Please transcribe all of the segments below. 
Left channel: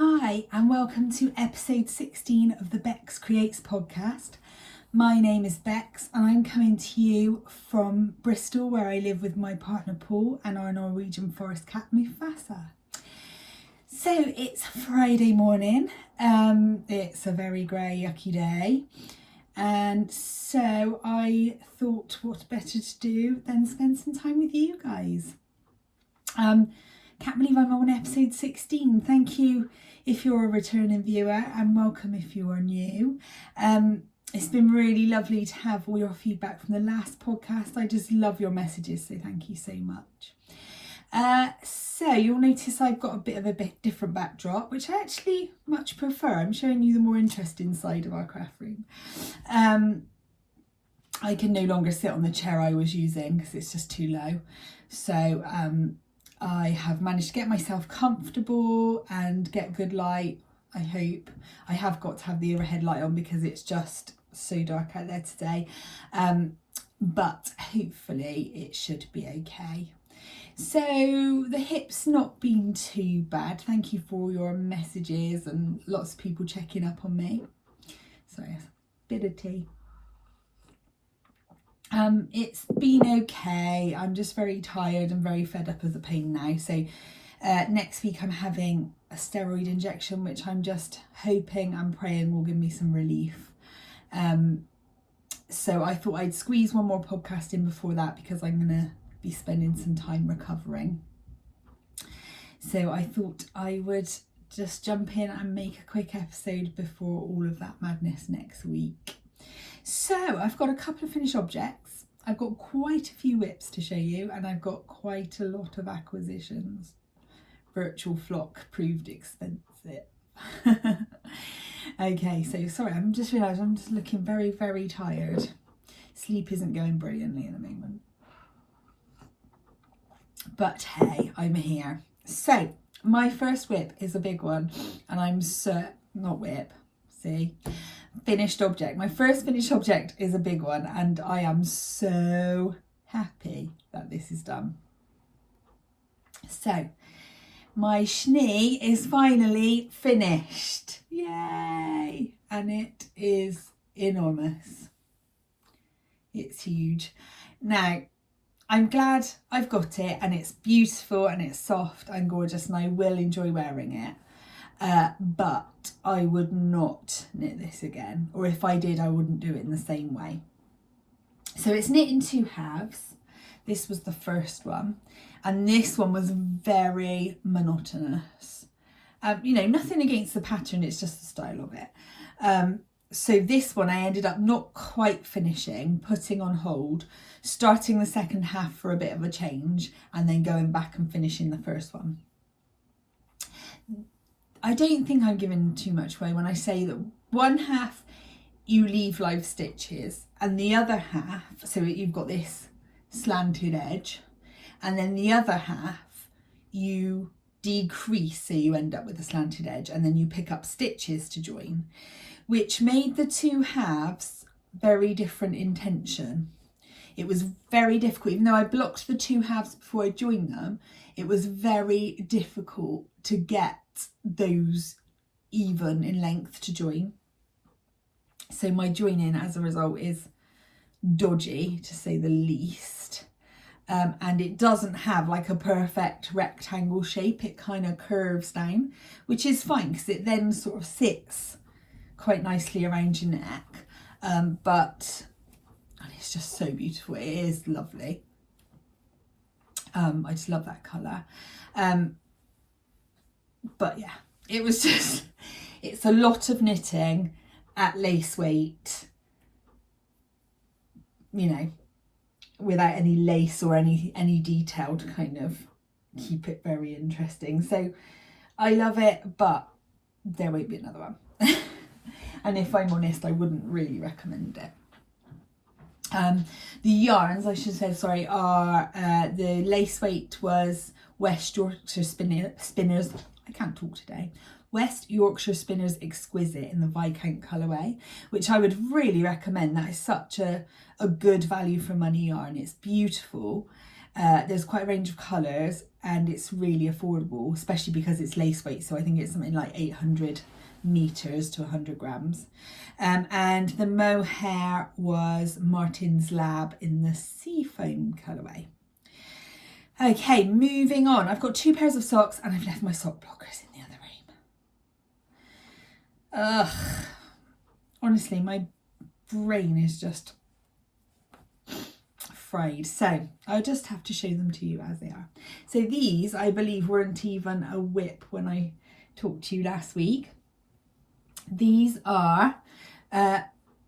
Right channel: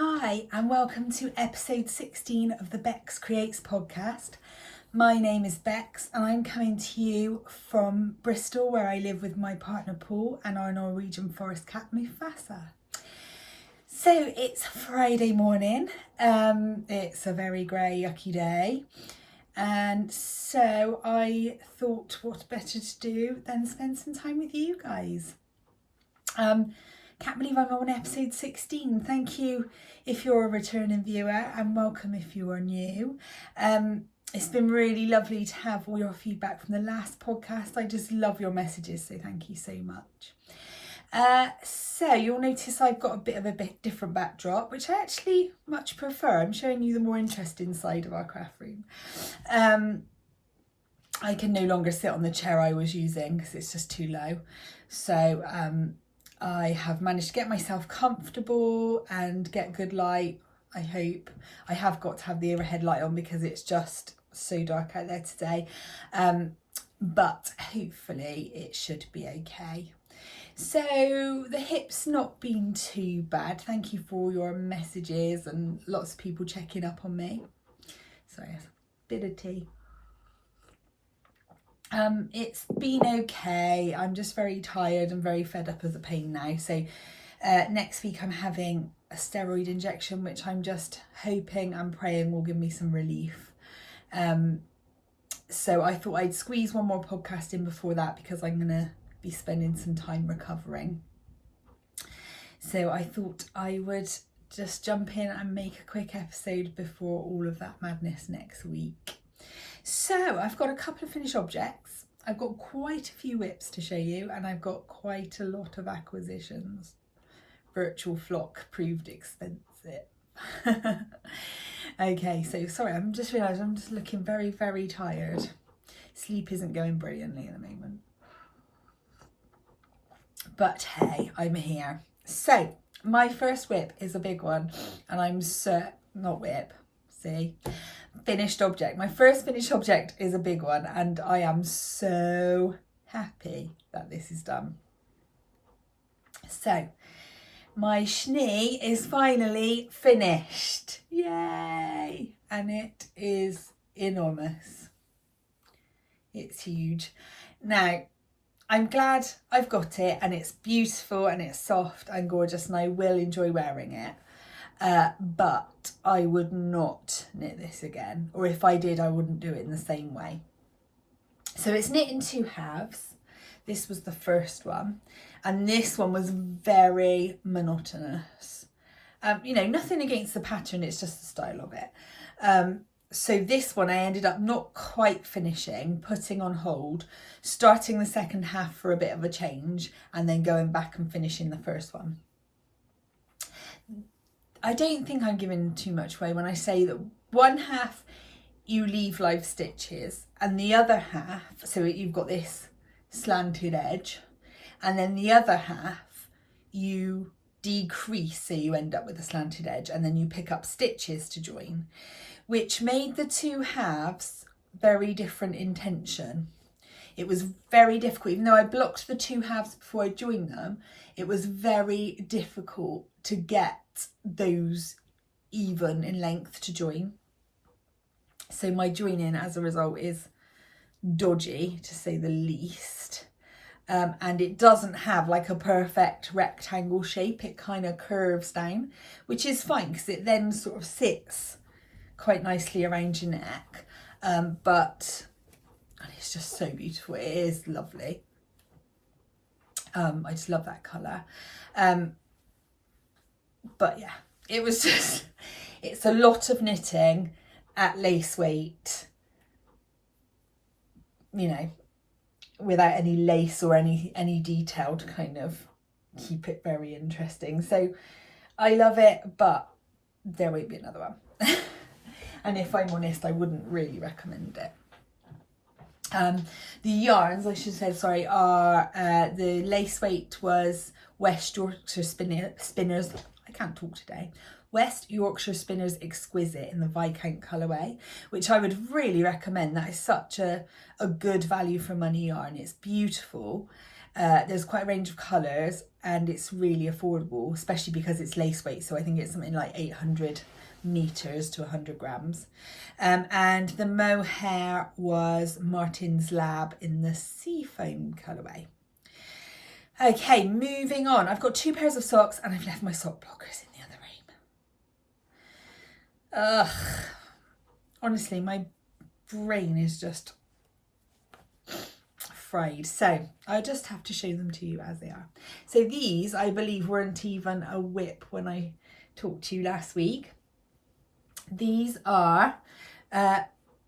Hi, and welcome to episode 16 of the Beks Creates podcast. My name is Beks, and I'm coming to you from Bristol, where I live with my partner Paul and our Norwegian forest cat Mufasa. So it's Friday morning. It's a very grey, yucky day. And so I thought what better to do than spend some time with you guys. Can't believe I'm on episode 16. Thank you if you're a returning viewer, and welcome if you are new. It's been really lovely to have all your feedback from the last podcast. I just love your messages, so thank you so much. So you'll notice I've got a bit different backdrop, which I actually much prefer. I'm showing you the more interesting side of our craft room. I can no longer sit on the chair I was using because it's just too low. So I have managed to get myself comfortable and get good light, I hope. I have got to have the overhead light on because it's just so dark out there today. But hopefully it should be okay. So the hip's not been too bad. Thank you for your messages and lots of people checking up on me. Sorry, a bit of tea. It's been okay. I'm just very tired and very fed up of the pain now. So next week I'm having a steroid injection, which I'm just hoping and praying will give me some relief. So I thought I'd squeeze one more podcast in before that because I'm going to be spending some time recovering. So I thought I would just jump in and make a quick episode before all of that madness next week. So I've got a couple of finished objects. I've got quite a few whips to show you, and I've got quite a lot of acquisitions. Virtual flock proved expensive. Okay, so sorry, I'm just realised I'm just looking very, very tired. Sleep isn't going brilliantly at the moment. But hey, I'm here. So my first whip is a big one, and I'm finished object. My first finished object is a big one, and I am so happy that this is done. So my schnee is finally finished. Yay! And it is enormous. It's huge. Now, I'm glad I've got it, and it's beautiful and it's soft and gorgeous, and I will enjoy wearing it. But I would not knit this again, or if I did, I wouldn't do it in the same way. So it's knit in two halves. This was the first one, and this one was very monotonous. Nothing against the pattern, it's just the style of it. So this one I ended up not quite finishing, putting on hold, starting the second half for a bit of a change, and then going back and finishing the first one. I don't think I'm giving too much away when I say that one half you leave live stitches, and the other half, so you've got this slanted edge, and then the other half you decrease, so you end up with a slanted edge, and then you pick up stitches to join, which made the two halves very different in tension. It was very difficult, even though I blocked the two halves before I joined them, it was very difficult to get those even in length to join. So my joining as a result is dodgy, to say the least. And it doesn't have like a perfect rectangle shape. It kind of curves down, which is fine because it then sort of sits quite nicely around your neck. And it's just so beautiful. It is lovely. I just love that colour. But yeah, it's a lot of knitting at lace weight, without any lace or any detail to kind of keep it very interesting. So I love it, but there won't be another one. And if I'm honest, I wouldn't really recommend it. The yarns, I should say, are the lace weight was West Yorkshire Spinners. I can't talk today. West Yorkshire Spinners Exquisite in the Viscount colourway, which I would really recommend. That is such a good value for money yarn. It's beautiful. There's quite a range of colours and it's really affordable, especially because it's lace weight. So I think it's something like 800 meters to 100 grams. And the mohair was Martin's Lab in the Seafoam colourway. Okay, moving on. I've got 2 pairs of socks and I've left my sock blockers in the other room. Ugh. Honestly, my brain is just fried. So I'll just have to show them to you as they are. So these, I believe, weren't even a whip when I talked to you last week. These are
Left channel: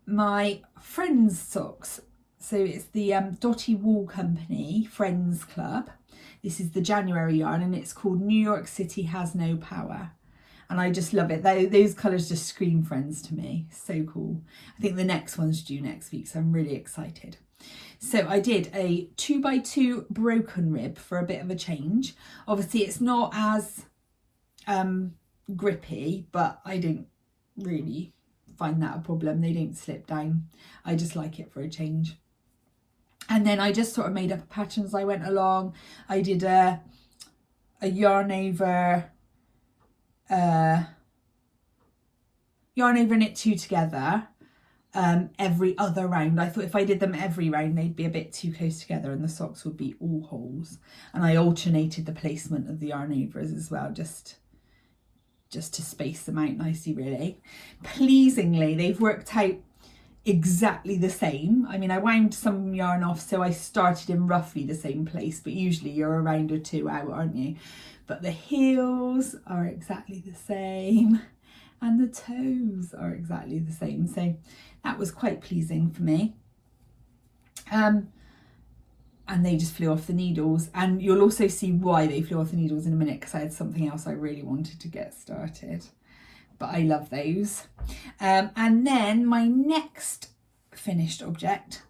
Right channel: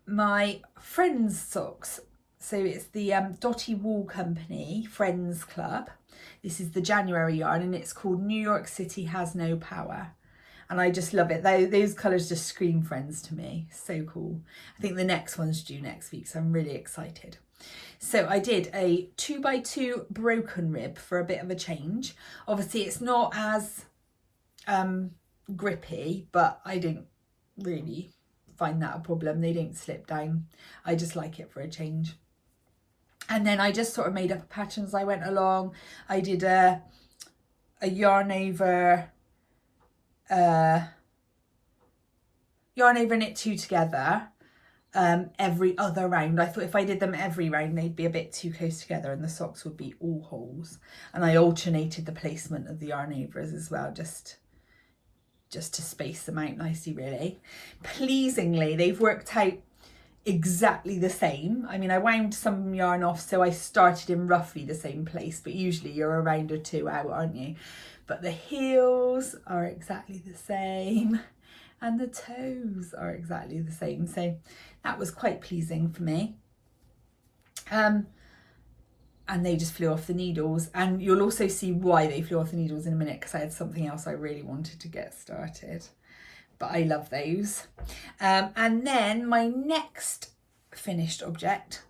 my Friends socks. So it's the Dotty Wool Company Friends Club. This is the January yarn and it's called New York City Has No Power. And I just love it. Those colours just scream Friends to me. So cool. I think the next one's due next week, so I'm really excited. So I did a 2x2 broken rib for a bit of a change. Obviously it's not as grippy, but I don't really find that a problem. They don't slip down. I just like it for a change. And then I just sort of made up a pattern as I went along. I did a yarn over knit 2 together every other round. I thought if I did them every round they'd be a bit too close together and the socks would be all holes. And I alternated the placement of the yarn overs as well, just to space them out nicely really. Pleasingly, they've worked out exactly the same. I mean, I wound some yarn off, so I started in roughly the same place, but usually you're a round or 2 out, aren't you? But the heels are exactly the same and the toes are exactly the same. So that was quite pleasing for me. And they just flew off the needles. And you'll also see why they flew off the needles in a minute, because I had something else I really wanted to get started. But I love those. And then my next finished object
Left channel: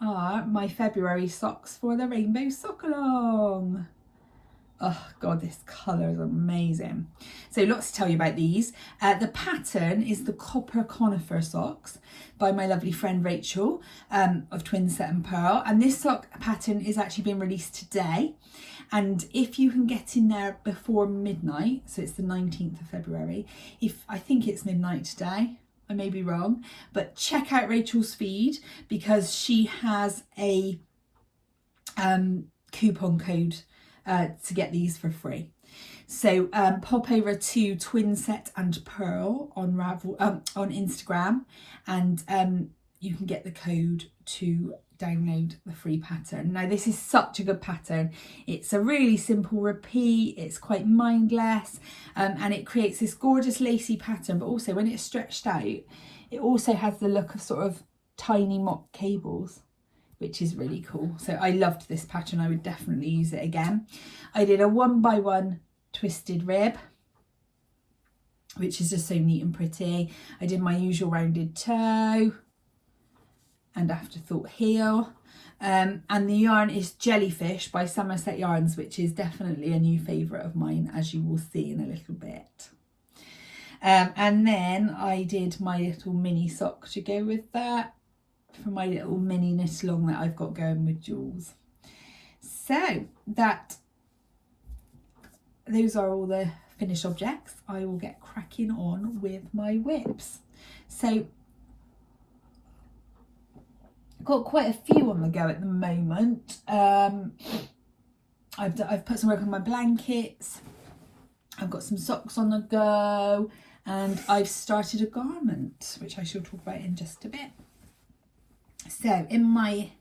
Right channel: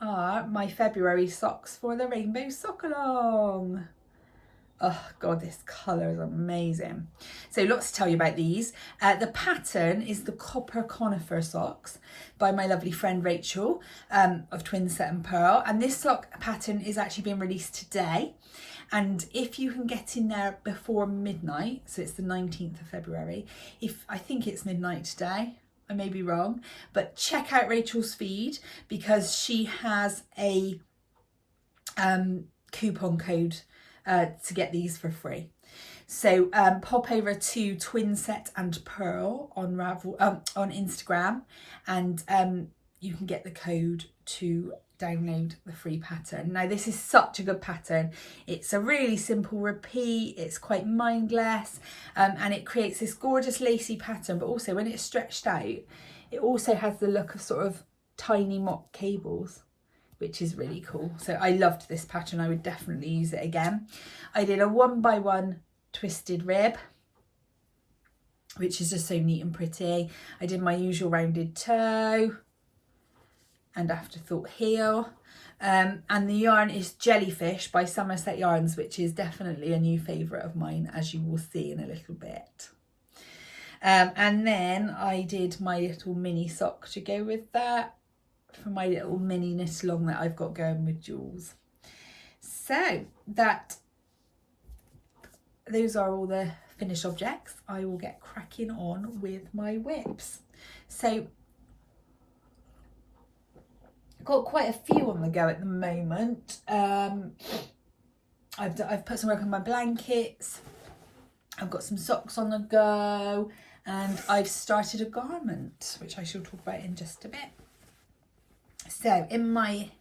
are my February socks for the Rainbow Sock Along. Oh God, this colour is amazing. So lots to tell you about these. The pattern is the Copper Conifer socks by my lovely friend Rachel of Twin Set and Pearl. And this sock pattern is actually being released today. And if you can get in there before midnight, so it's the 19th of February, I think it's midnight today, I may be wrong, but check out Rachel's feed because she has a coupon code to get these for free. So pop over to Twin Set and Pearl on Instagram and you can get the code to download the free pattern. Now this is such a good pattern. It's a really simple repeat, it's quite mindless, and it creates this gorgeous lacy pattern, but also when it's stretched out it also has the look of sort of tiny mock cables, which is really cool. So I loved this pattern. I would definitely use it again. I did a 1x1 twisted rib, which is just so neat and pretty. I did my usual rounded toe and afterthought heel. And the yarn is Jellyfish by Somerset Yarns, which is definitely a new favourite of mine, as you will see in a little bit. And then I did my little mini sock to go with that, for my little mini knit along that I've got going with Jules. So those are all the finished objects. I will get cracking on with my whips. So got quite a few on the go at the moment. I've put some work on my blankets. I've got some socks on the go, and I've started a garment, which I shall talk about in just a bit. So in my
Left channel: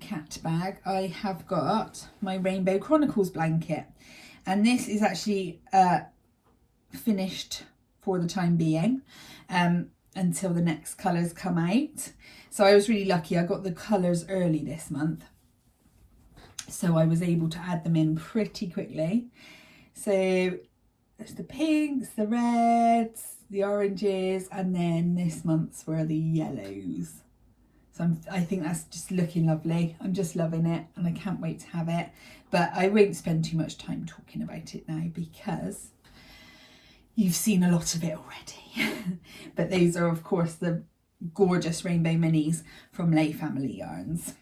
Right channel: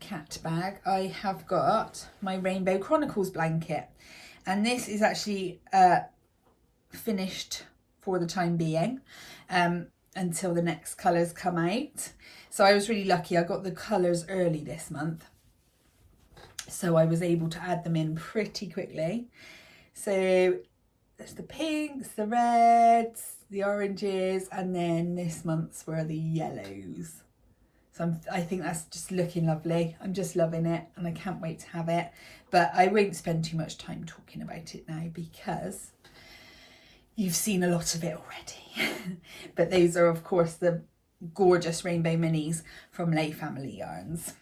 cat bag, I have got my Rainbow Chronicles blanket, and this is actually finished for the time being until the next colours come out. So I was really lucky. I got the colours early this month, so I was able to add them in pretty quickly. So there's the pinks, the reds, the oranges, and then this month's were the yellows. So I think that's just looking lovely. I'm just loving it and I can't wait to have it. But I won't spend too much time talking about it now because you've seen a lot of it already. But these are, of course, the gorgeous rainbow minis from Lay Family Yarns.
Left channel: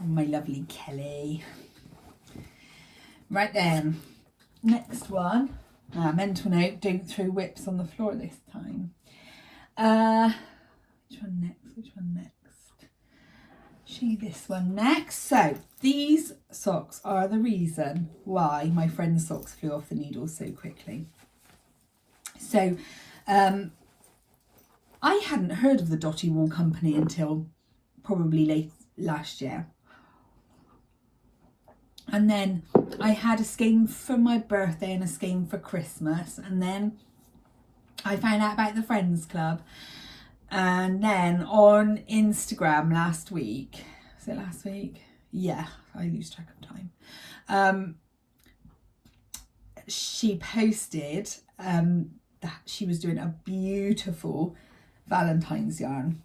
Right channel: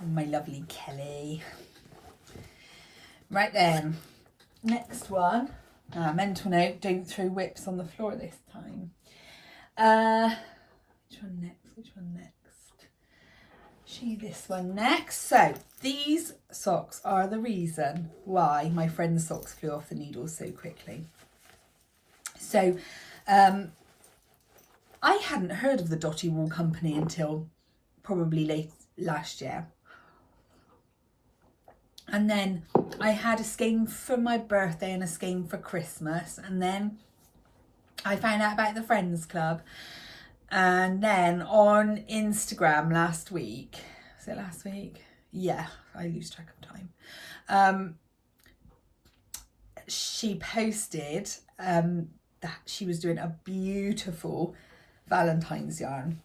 Oh, my lovely Kelly. Right then, next one. Mental note, don't throw whips on the floor this time. Which one next? Which one next? This one next. So these socks are the reason why my friend's socks flew off the needle so quickly. So I hadn't heard of the Dotty Wool Company until probably late last year. And then I had a skein for my birthday and a skein for Christmas. And then I found out about the Friends Club. And then on Instagram last week, was it last week? Yeah, I lose track of time. She posted that she was doing a beautiful Valentine's yarn.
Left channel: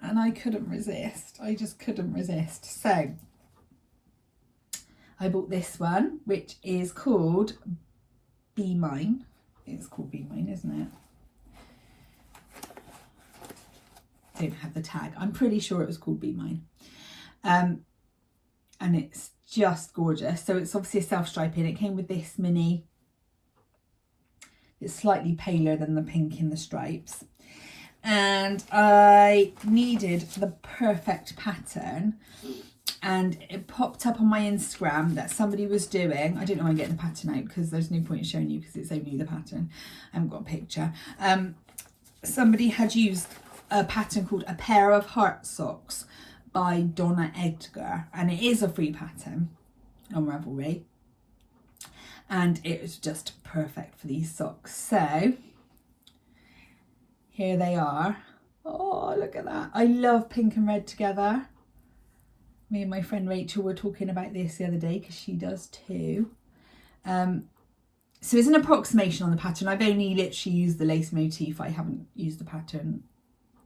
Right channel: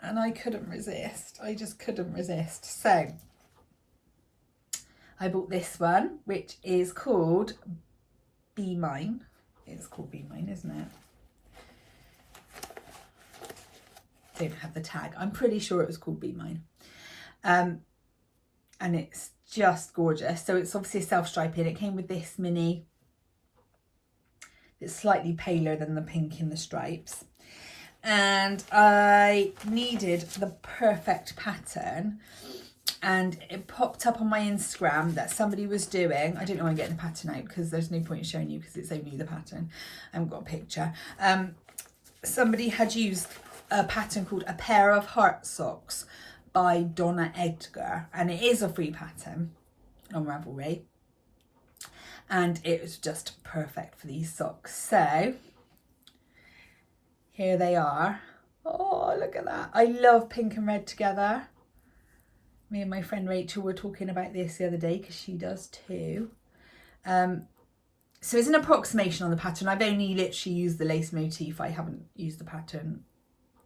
And I couldn't resist. I just couldn't resist. So I bought this one, which is called Be Mine. It's called Be Mine, isn't it? Don't have the tag. I'm pretty sure it was called Be Mine. And it's just gorgeous. So it's obviously a self-striping. It came with this mini. It's slightly paler than the pink in the stripes. And I needed the perfect pattern. And it popped up on my Instagram that somebody was doing, I don't know why I'm getting the pattern out because there's no point in showing you because it's only the pattern. I haven't got a picture. Somebody had used a pattern called A Pair of Heart Socks by Donna Edgar. And it is a free pattern on Ravelry. And it was just perfect for these socks. So here they are. Oh, look at that. I love pink and red together. Me and my friend Rachel were talking about this the other day because she does too. So it's an approximation on the pattern. I've only literally used the lace motif. I haven't used the pattern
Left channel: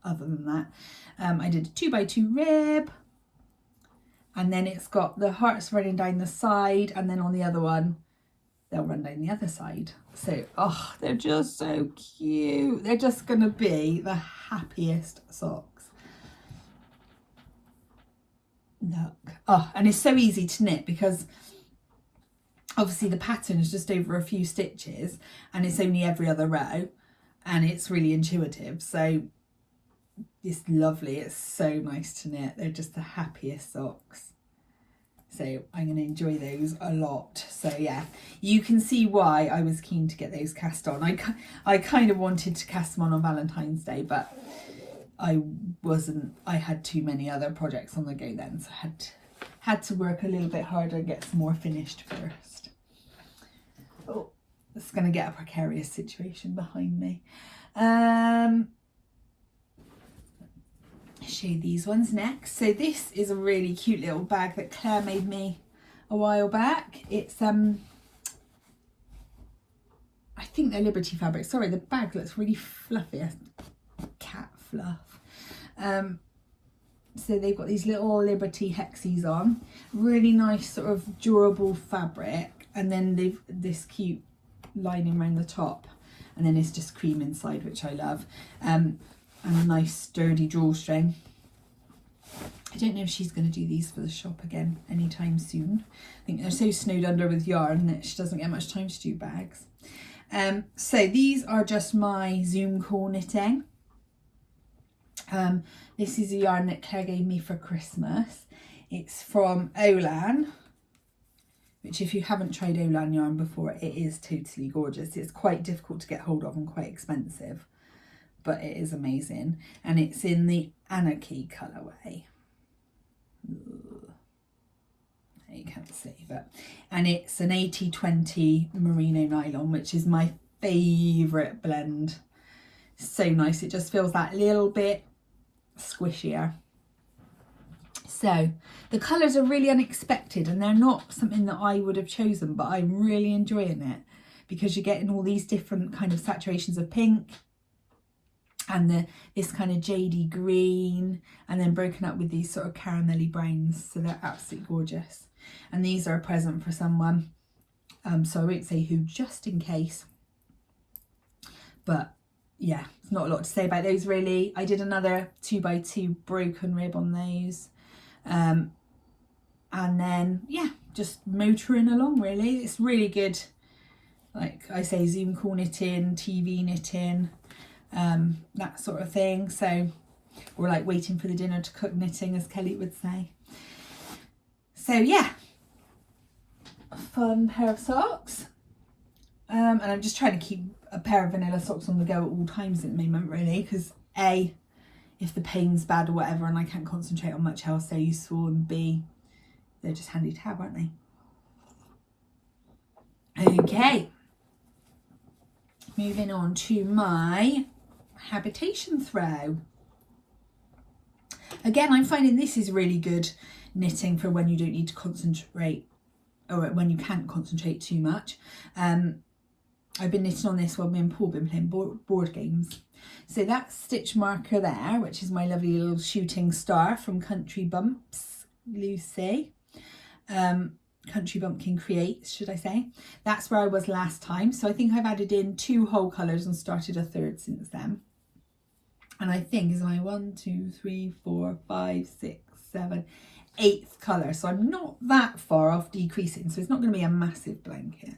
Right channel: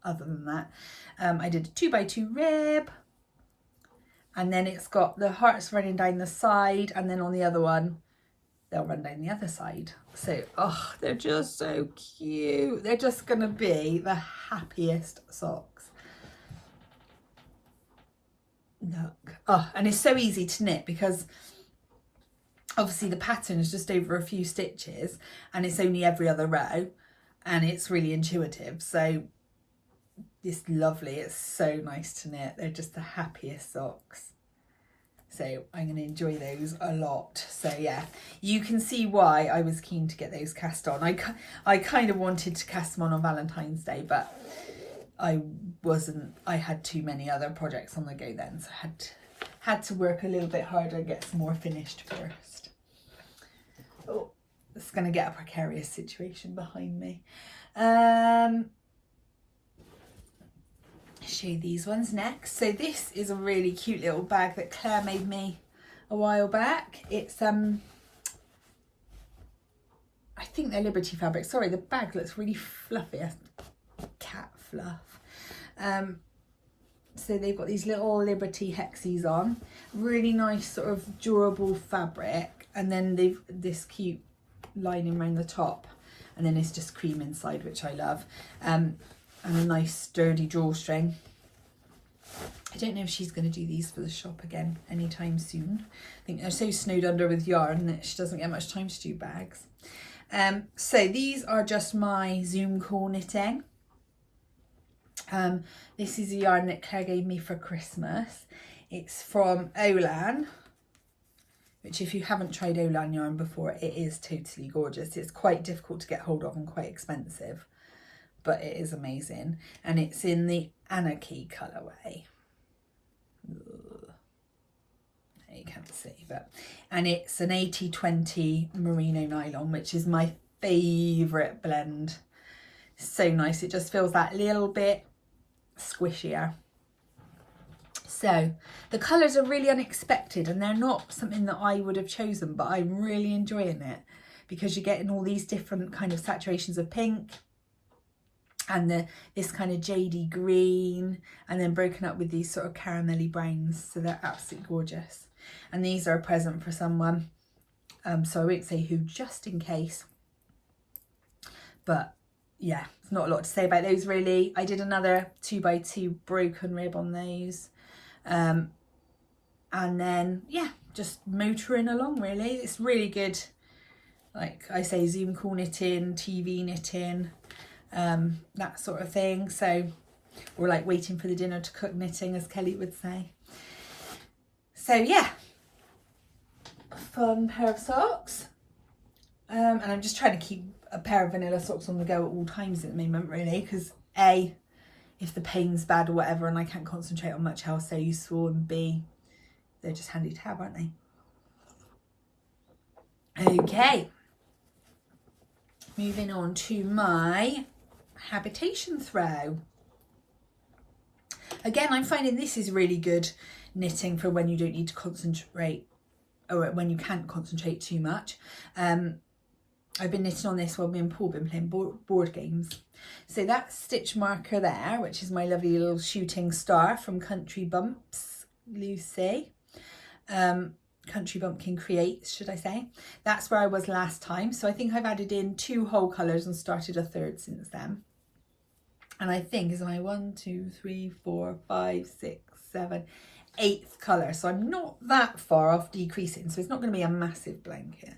other than that. I did a 2x2 rib. And then it's got the hearts running down the side. And then on the other one, they'll run down the other side. So, oh, they're just so cute. They're just going to be the happiest socks. Look. Oh, and it's so easy to knit because obviously the pattern is just over a few stitches and it's only every other row and it's really intuitive. So it's lovely. It's so nice to knit. They're just the happiest socks. So I'm going to enjoy those a lot. So yeah, you can see why I was keen to get those cast on. I kind of wanted to cast them on Valentine's Day, but I had too many other projects on the go then, so I had to work a little bit harder and get some more finished first. Oh, it's going to get a precarious situation behind me. Show you these ones next. So this is a really cute little bag that Claire made me a while back. It's I think they're Liberty fabric. Sorry, the bag looks really fluffy. Cat fluff. So they've got these little Liberty hexes on, really nice sort of durable fabric, and then they've this cute lining around the top, and then it's just cream inside, which I love, and a nice sturdy drawstring. I don't know if she's going to do these for the shop again anytime soon. I think they're so snowed under with yarn that she doesn't get much time to do bags. So these are just my Zoom call knitting. This is a yarn that Claire gave me for Christmas. It's from Olan, which if you haven't tried Olan yarn before, it is totally gorgeous. It's quite difficult to get hold of and quite expensive, but it is amazing. And it's in the Anarchy colourway. You can't see, and it's an 80-20 merino nylon, which is my favourite blend. So nice. It just feels that little bit squishier. So the colours are really unexpected and they're not something that I would have chosen, but I'm really enjoying it because you're getting all these different kind of saturations of pink and this kind of jadey green, and then broken up with these sort of caramelly browns. So they're absolutely gorgeous. And these are a present for someone. So I won't say who, just in case. But yeah, it's not a lot to say about those really. I did another 2x2 broken rib on those. and then yeah, just motoring along really. It's really good, like I say, Zoom call knitting, TV knitting, that sort of thing. So, or like waiting for the dinner to cook knitting, as Kelly would say. So yeah, fun pair of socks. And I'm just trying to keep a pair of vanilla socks on the go at all times at the moment, really, because A, if the pain's bad or whatever and I can't concentrate on much else, they're useful, and B, they're just handy to have, aren't they? Okay, moving on to my habitation throw. Again, I'm finding this is really good knitting for when you don't need to concentrate, or when you can't concentrate too much. I've been knitting on this while me and Paul been playing board games. So that stitch marker there, which is my lovely little shooting star from Country Bumps, Lucy. Country Bumpkin Creates, should I say. That's where I was last time. So I think I've added in 2 whole colours and started a 3rd since then. And I think is my 1, 2, 3, 4, 5, 6, 7, 8th colour. So I'm not that far off decreasing. So it's not going to be a massive blanket.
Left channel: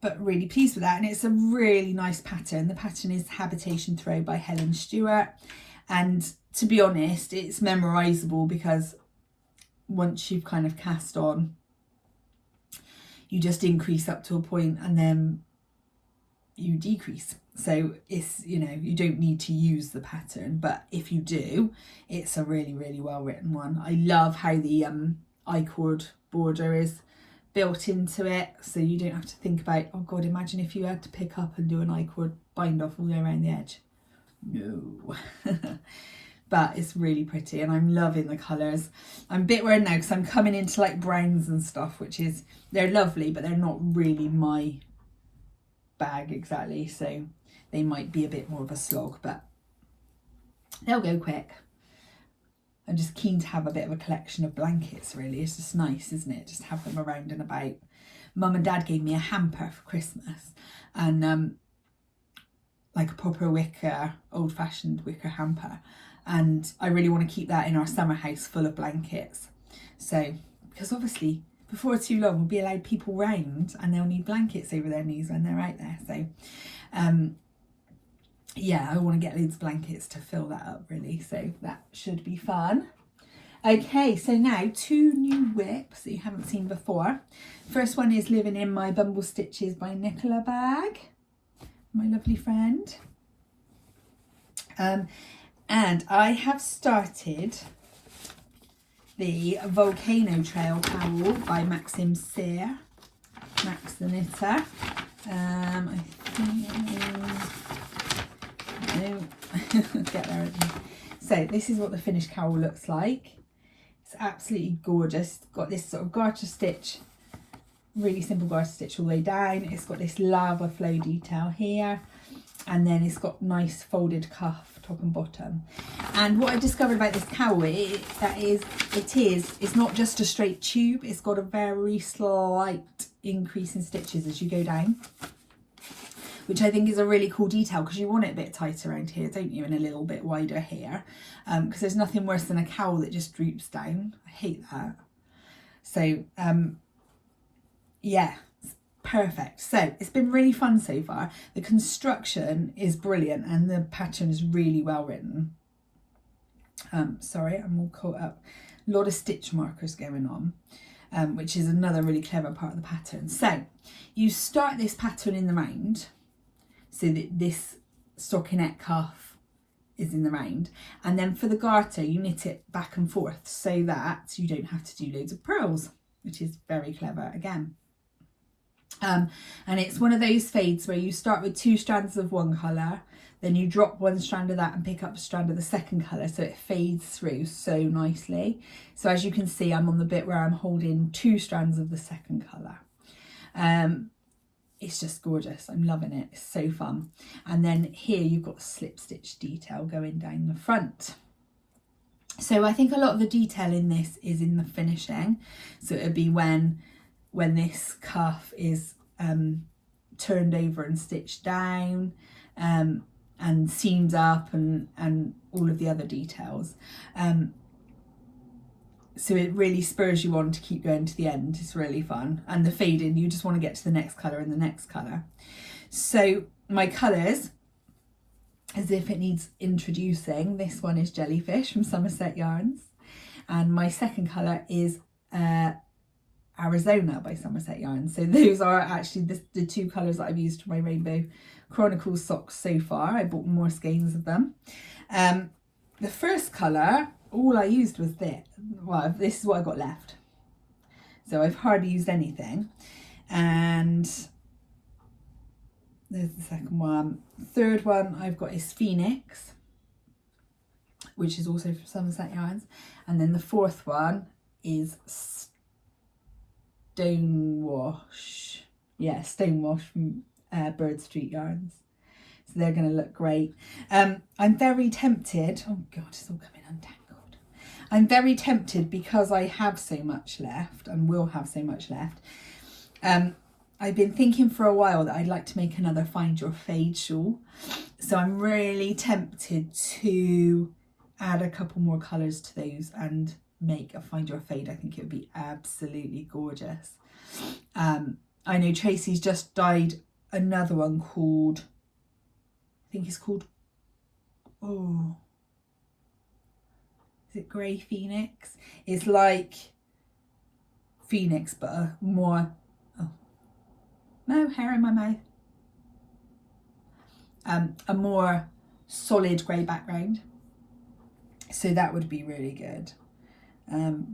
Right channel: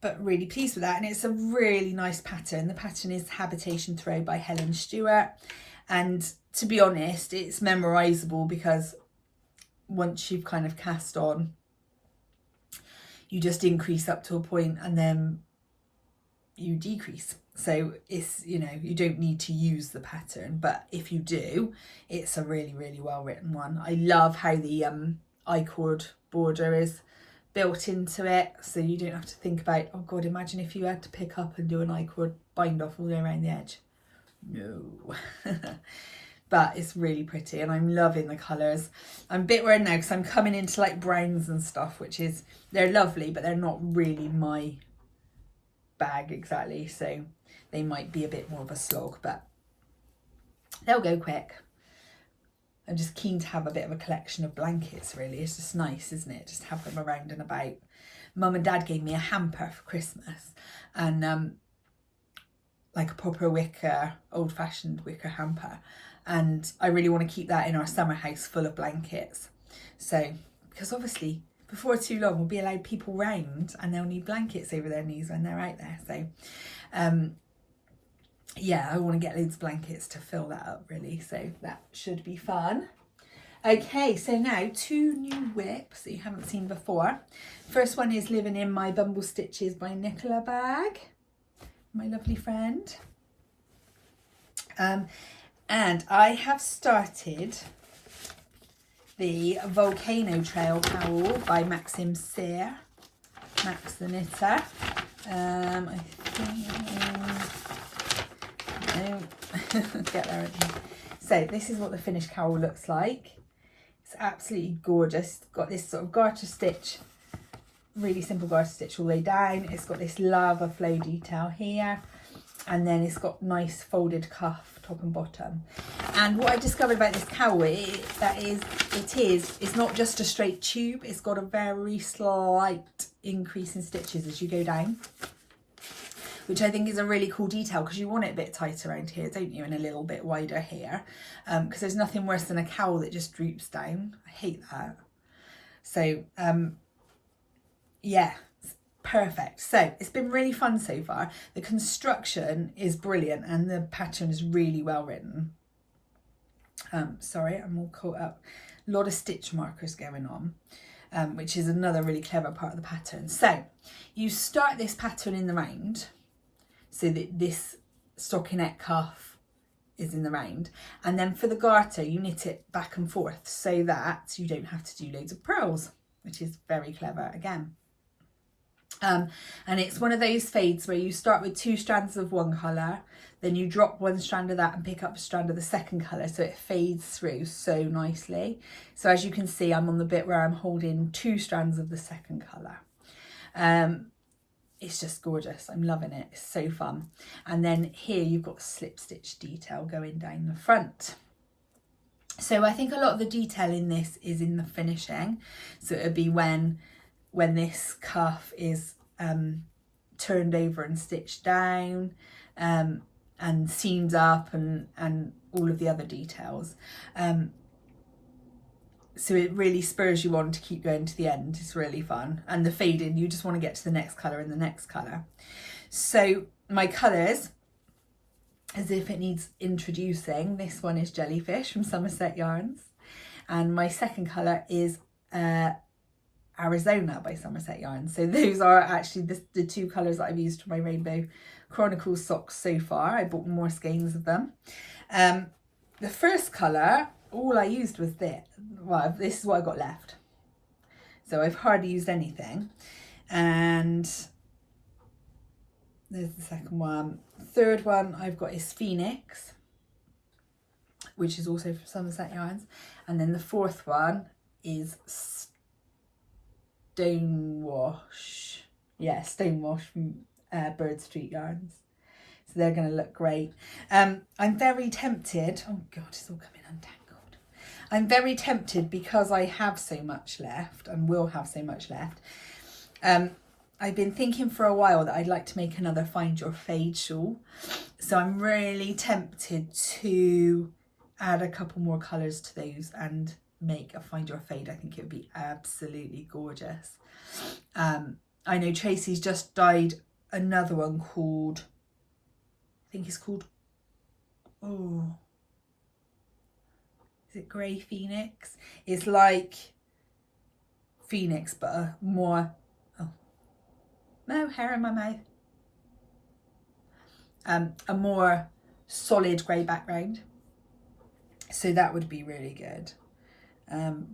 But really pleased with that. And it's a really nice pattern. The pattern is Habitation Throw by Helen Stewart. And to be honest, it's memorisable because once you've kind of cast on, you just increase up to a point and then you decrease. So it's, you know, you don't need to use the pattern, but if you do, it's a really, really well written one. I love how the I-cord border is built into it, so you don't have to think about, oh God, imagine if you had to pick up and do an I-cord bind off all the way around the edge. No. But it's really pretty and I'm loving the colours. I'm a bit worried now because I'm coming into like browns and stuff, which is, they're lovely, but they're not really my bag exactly. So they might be a bit more of a slog, but they'll go quick. I'm just keen to have a bit of a collection of blankets, really. It's just nice, isn't it? Just have them around and about. Mum and Dad gave me a hamper for Christmas, and like a proper wicker, old-fashioned wicker hamper. And I really want to keep that in our summer house full of blankets. So, because obviously before too long we'll be allowed people round and they'll need blankets over their knees when they're out there. So, yeah, I want to get loads of blankets to fill that up, really. So that should be fun. Okay, so now 2 new whips that you haven't seen before. First one is Living in My Bumble Stitches by Nicola bag, my lovely friend. And I have started the Volcano Trail cowl by Maxim Cyr, Max the Knitter. I think, get there at the end. So this is what the finished cowl looks like. It's absolutely gorgeous. It's got this sort of garter stitch, really simple garter stitch all the way down. It's got this lava flow detail here, and then it's got nice folded cuff top and bottom. And what I discovered about this cowl it's not just a straight tube. It's got a very slight increase in stitches as you go down, which I think is a really cool detail because you want it a bit tighter around here, don't you, and a little bit wider here, because there's nothing worse than a cowl that just droops down. I hate that. So yeah, it's perfect. So it's been really fun so far. The construction is brilliant and the pattern is really well written. Sorry, I'm all caught up. A lot of stitch markers going on, which is another really clever part of the pattern. So you start this pattern in the round, so that this stockinette cuff is in the round, and then for the garter you knit it back and forth so that you don't have to do loads of purls, which is very clever again. And it's one of those fades where you start with 2 strands of one colour, then you drop 1 strand of that and pick up a strand of the second colour, so it fades through so nicely. So as you can see, I'm on the bit where I'm holding 2 strands of the second colour. It's just gorgeous. I'm loving it. It's so fun. And then here you've got a slip stitch detail going down the front. So I think a lot of the detail in this is in the finishing. So it would be when this cuff is turned over and stitched down, and seamed up, and all of the other details. so it really spurs you on to keep going to the end. It's really fun. And the fading, you just want to get to the next colour and the next colour. So my colours, as if it needs introducing, this one is Jellyfish from Somerset Yarns. And my second colour is Arizona by Somerset Yarns. So those are actually the two colours that I've used for my Rainbow Chronicles socks so far. I bought more skeins of them. The first colour, all I used was this. Well, this is what I got left. So I've hardly used anything. And there's the second one. Third one I've got is Phoenix, which is also from Somerset Yarns. And then the fourth one is Stonewash. Yeah, Stonewash from Bird Street Yarns. So they're going to look great. I'm very tempted. Oh God, it's all coming untangled. I'm very tempted because I have so much left and will have so much left. I've been thinking for a while that I'd like to make another Find Your Fade shawl. So I'm really tempted to add a couple more colours to those and make a Find Your Fade. I think it would be absolutely gorgeous. I know Tracy's just dyed another one called, I think it's called, oh, is it Grey Phoenix? It's like Phoenix, but a more, oh, no hair in my mouth. A more solid grey background. So that would be really good.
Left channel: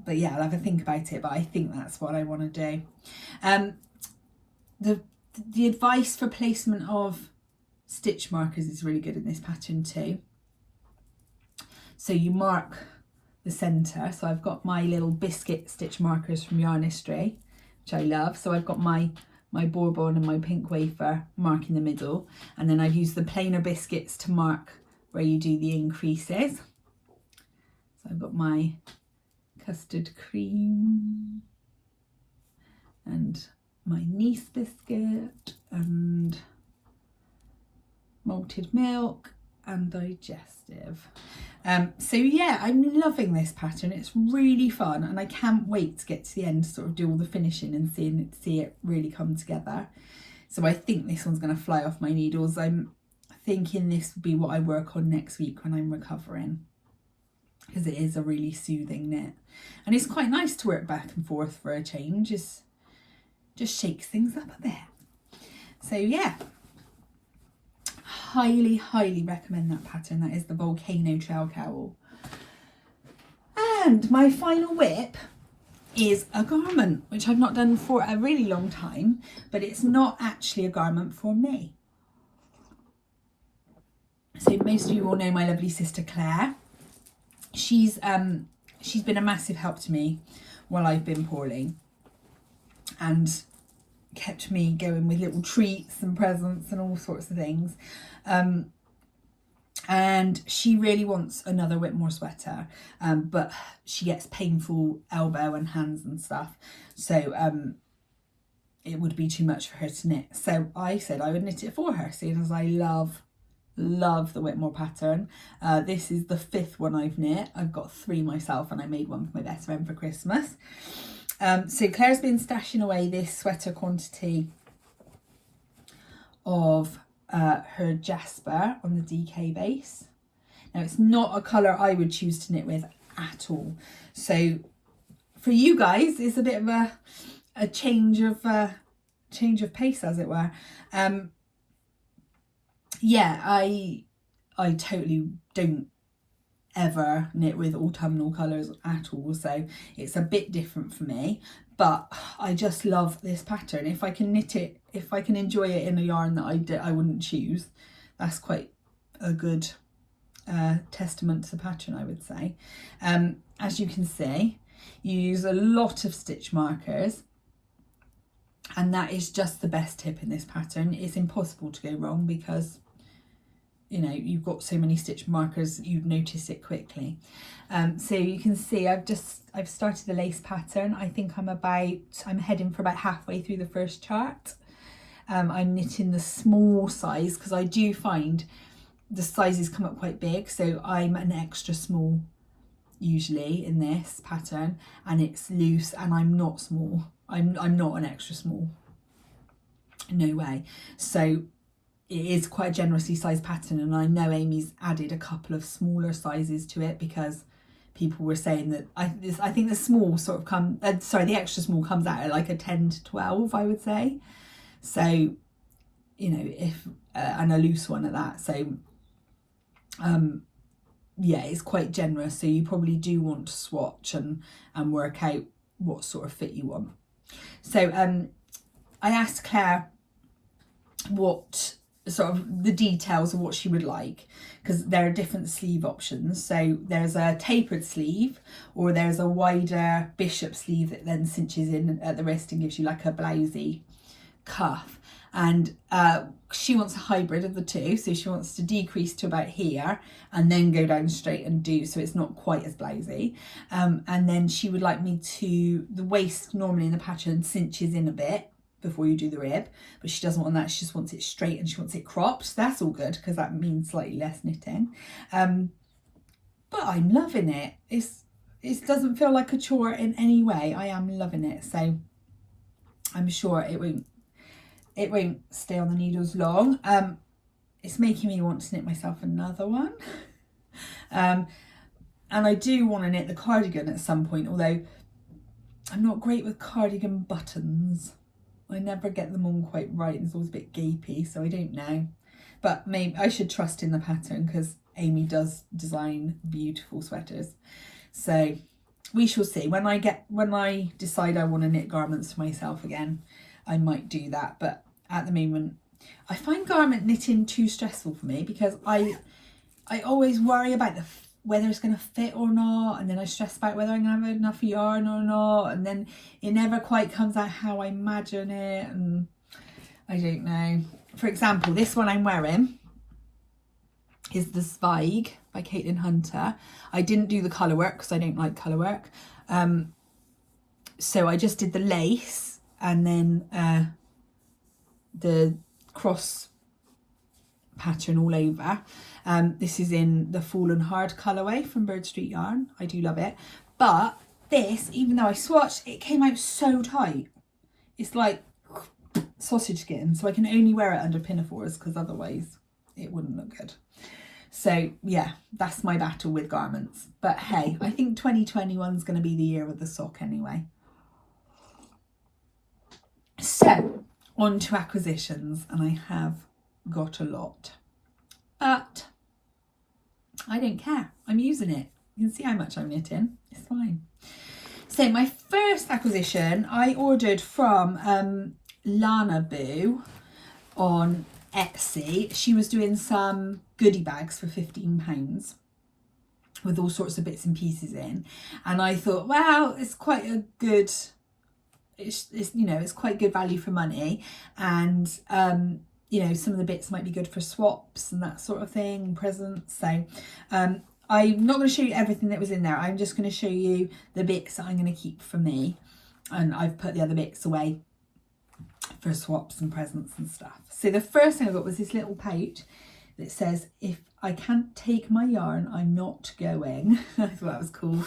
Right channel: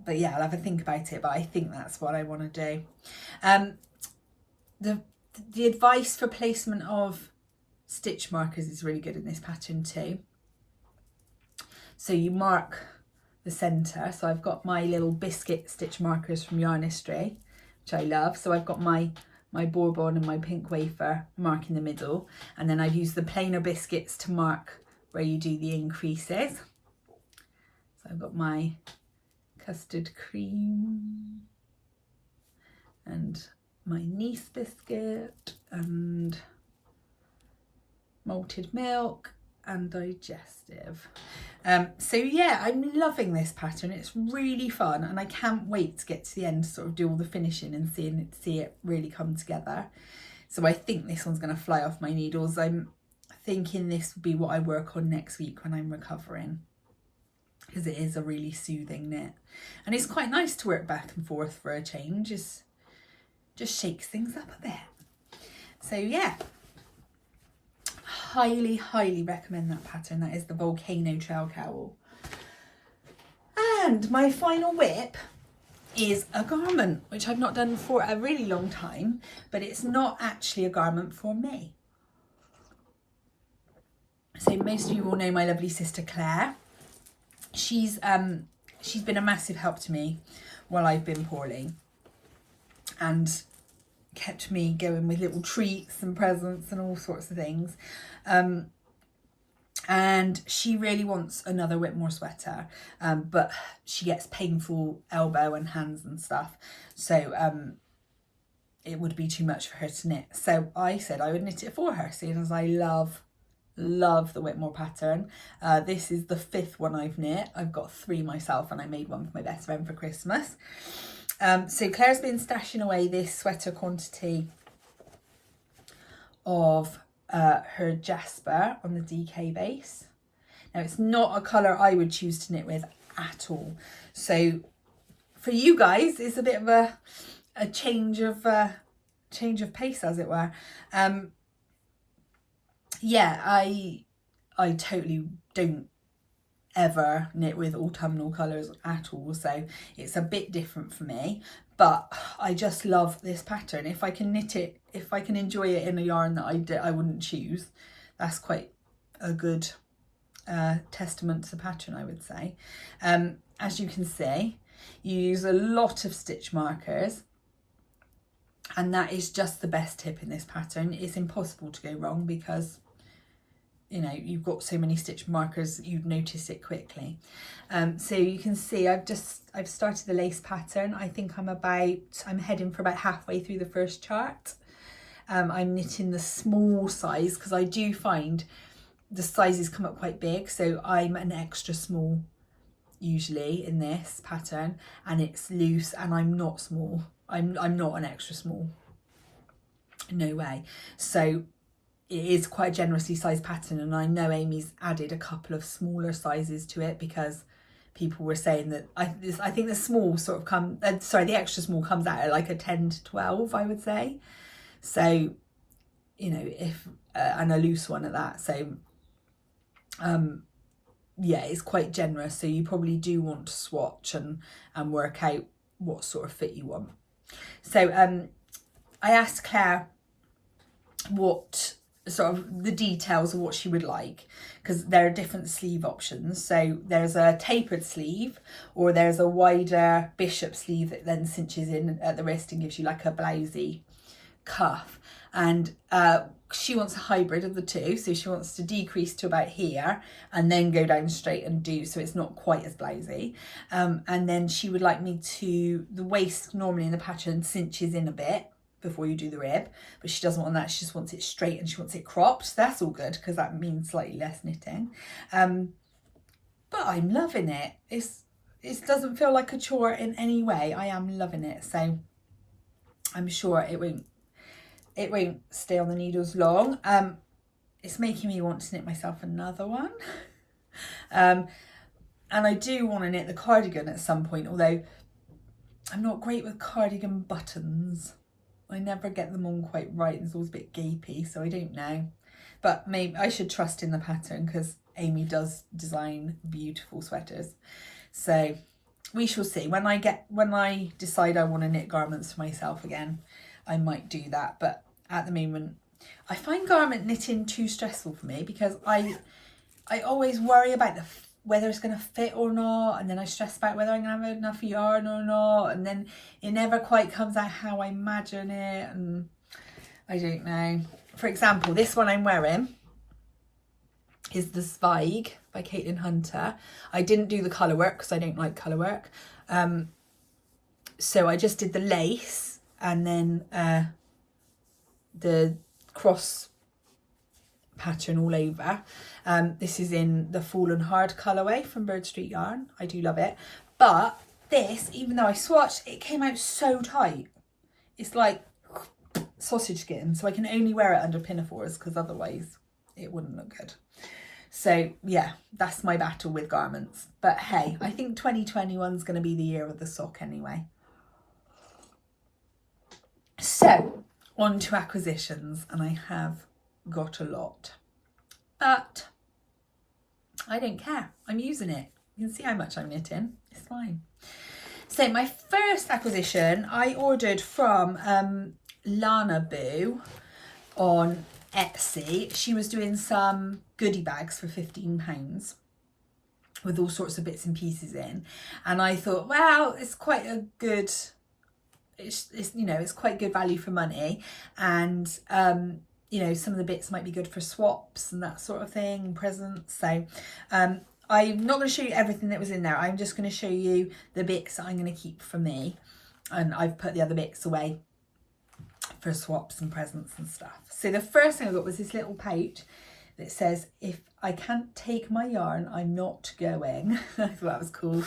But yeah, I'll have a think about it, but I think that's what I want to do. The advice for placement of stitch markers is really good in this pattern too. So you mark the centre. So I've got my little biscuit stitch markers from Yarnistry, which I love. So I've got my bourbon and my pink wafer marking the middle, and then I've used the plainer biscuits to mark where you do the increases. So I've got my custard cream and my Nice biscuit and malted milk and digestive. So yeah, I'm loving this pattern. It's really fun and I can't wait to get to the end to sort of do all the finishing and see it really come together. So I think this one's going to fly off my needles. I'm thinking this will be what I work on next week when I'm recovering, because it is a really soothing knit and it's quite nice to work back and forth for a change. It just shakes things up a bit. So yeah, highly recommend that pattern. That is the Volcano Trail Cowl. And my final whip is a garment, which I've not done for a really long time, but it's not actually a garment for me. So most of you will know my lovely sister Claire. She's been a massive help to me while I've been poorly and kept me going with little treats and presents and all sorts of things. And she really wants another Whitmore sweater, but she gets painful elbow and hands and stuff. So it would be too much for her to knit. So I said I would knit it for her, seeing as I love the Whitmore pattern. This is the 5th one I've knit. I've got 3 myself and I made one for my best friend for Christmas. So Claire's been stashing away this sweater quantity of her Jasper on the DK base. Now it's not a colour I would choose to knit with at all. So for you guys, it's a bit of a change of pace, as it were. Yeah, I totally don't ever knit with autumnal colours at all, so it's a bit different for me, but I just love this pattern. If I can knit it, if I can enjoy it in a yarn that I wouldn't choose, that's quite a good testament to the pattern, I would say. As you can see, you use a lot of stitch markers, and that is just the best tip in this pattern. It's impossible to go wrong because, you know, you've got so many stitch markers, you'd notice it quickly. So you can see I've started the lace pattern. I think I'm heading for about halfway through the first chart. I'm knitting the small size because I do find the sizes come up quite big, so I'm an extra small usually in this pattern, and it's loose, and I'm not small. I'm not an extra small, no way. So it is quite a generously sized pattern, and I know Amy's added a couple of smaller sizes to it because people were saying that I think the small sort of the extra small comes out at like a 10 to 12, I would say. So, you know, if and a loose one at that. So yeah, it's quite generous, so you probably do want to swatch and work out what sort of fit you want. So I asked Claire what sort of the details of what she would like, because there are different sleeve options. So there's a tapered sleeve, or there's a wider bishop sleeve that then cinches in at the wrist and gives you like a blousey cuff. And she wants a hybrid of the two, so she wants to decrease to about here and then go down straight and do, so it's not quite as blousy. And then she would like me to, the waist normally in the pattern cinches in a bit before you do the rib, but she doesn't want that. She just wants it straight and she wants it cropped. So that's all good, because that means slightly less knitting. But I'm loving it. It doesn't feel like a chore in any way. I am loving it. So I'm sure it won't stay on the needles long. It's making me want to knit myself another one. And I do want to knit the cardigan at some point, although I'm not great with cardigan buttons. I never get them on quite right, and it's always a bit gapey, so I don't know. But maybe I should trust in the pattern, because Amy does design beautiful sweaters. So we shall see. When I decide I want to knit garments for myself again, I might do that. But at the moment, I find garment knitting too stressful for me, because I always worry about whether it's going to fit or not, and then I stress about whether I'm going to have enough yarn or not, and then it never quite comes out how I imagine it, and I don't know. For example, this one I'm wearing is the Zweig by Caitlin Hunter. I didn't do the colour work because I don't like colour work, so I just did the lace and then the cross pattern all over. This is in the Fallen Hard colourway from Bird Street Yarn. I do love it, but this, even though I swatched, it came out so tight. It's like sausage skin, so I can only wear it under pinafores, because otherwise it wouldn't look good. So yeah, that's my battle with garments. But hey, I think 2021 is going to be the year of the sock anyway. So on to acquisitions, and I have got a lot, but I don't care. I'm using it. You can see how much I'm knitting. It's fine. So my first acquisition I ordered from Lana Boo on Etsy. She was doing some goodie bags for £15 with all sorts of bits and pieces in, and I thought, wow, it's quite a good, it's you know, it's quite good value for money, and you know, some of the bits might be good for swaps and that sort of thing, presents. So I'm not going to show you everything that was in there. I'm just going to show you the bits that I'm going to keep for me, and I've put the other bits away for swaps and presents and stuff. So the first thing I got was this little pouch that says, "If I can't take my yarn, I'm not going." I thought that was cool.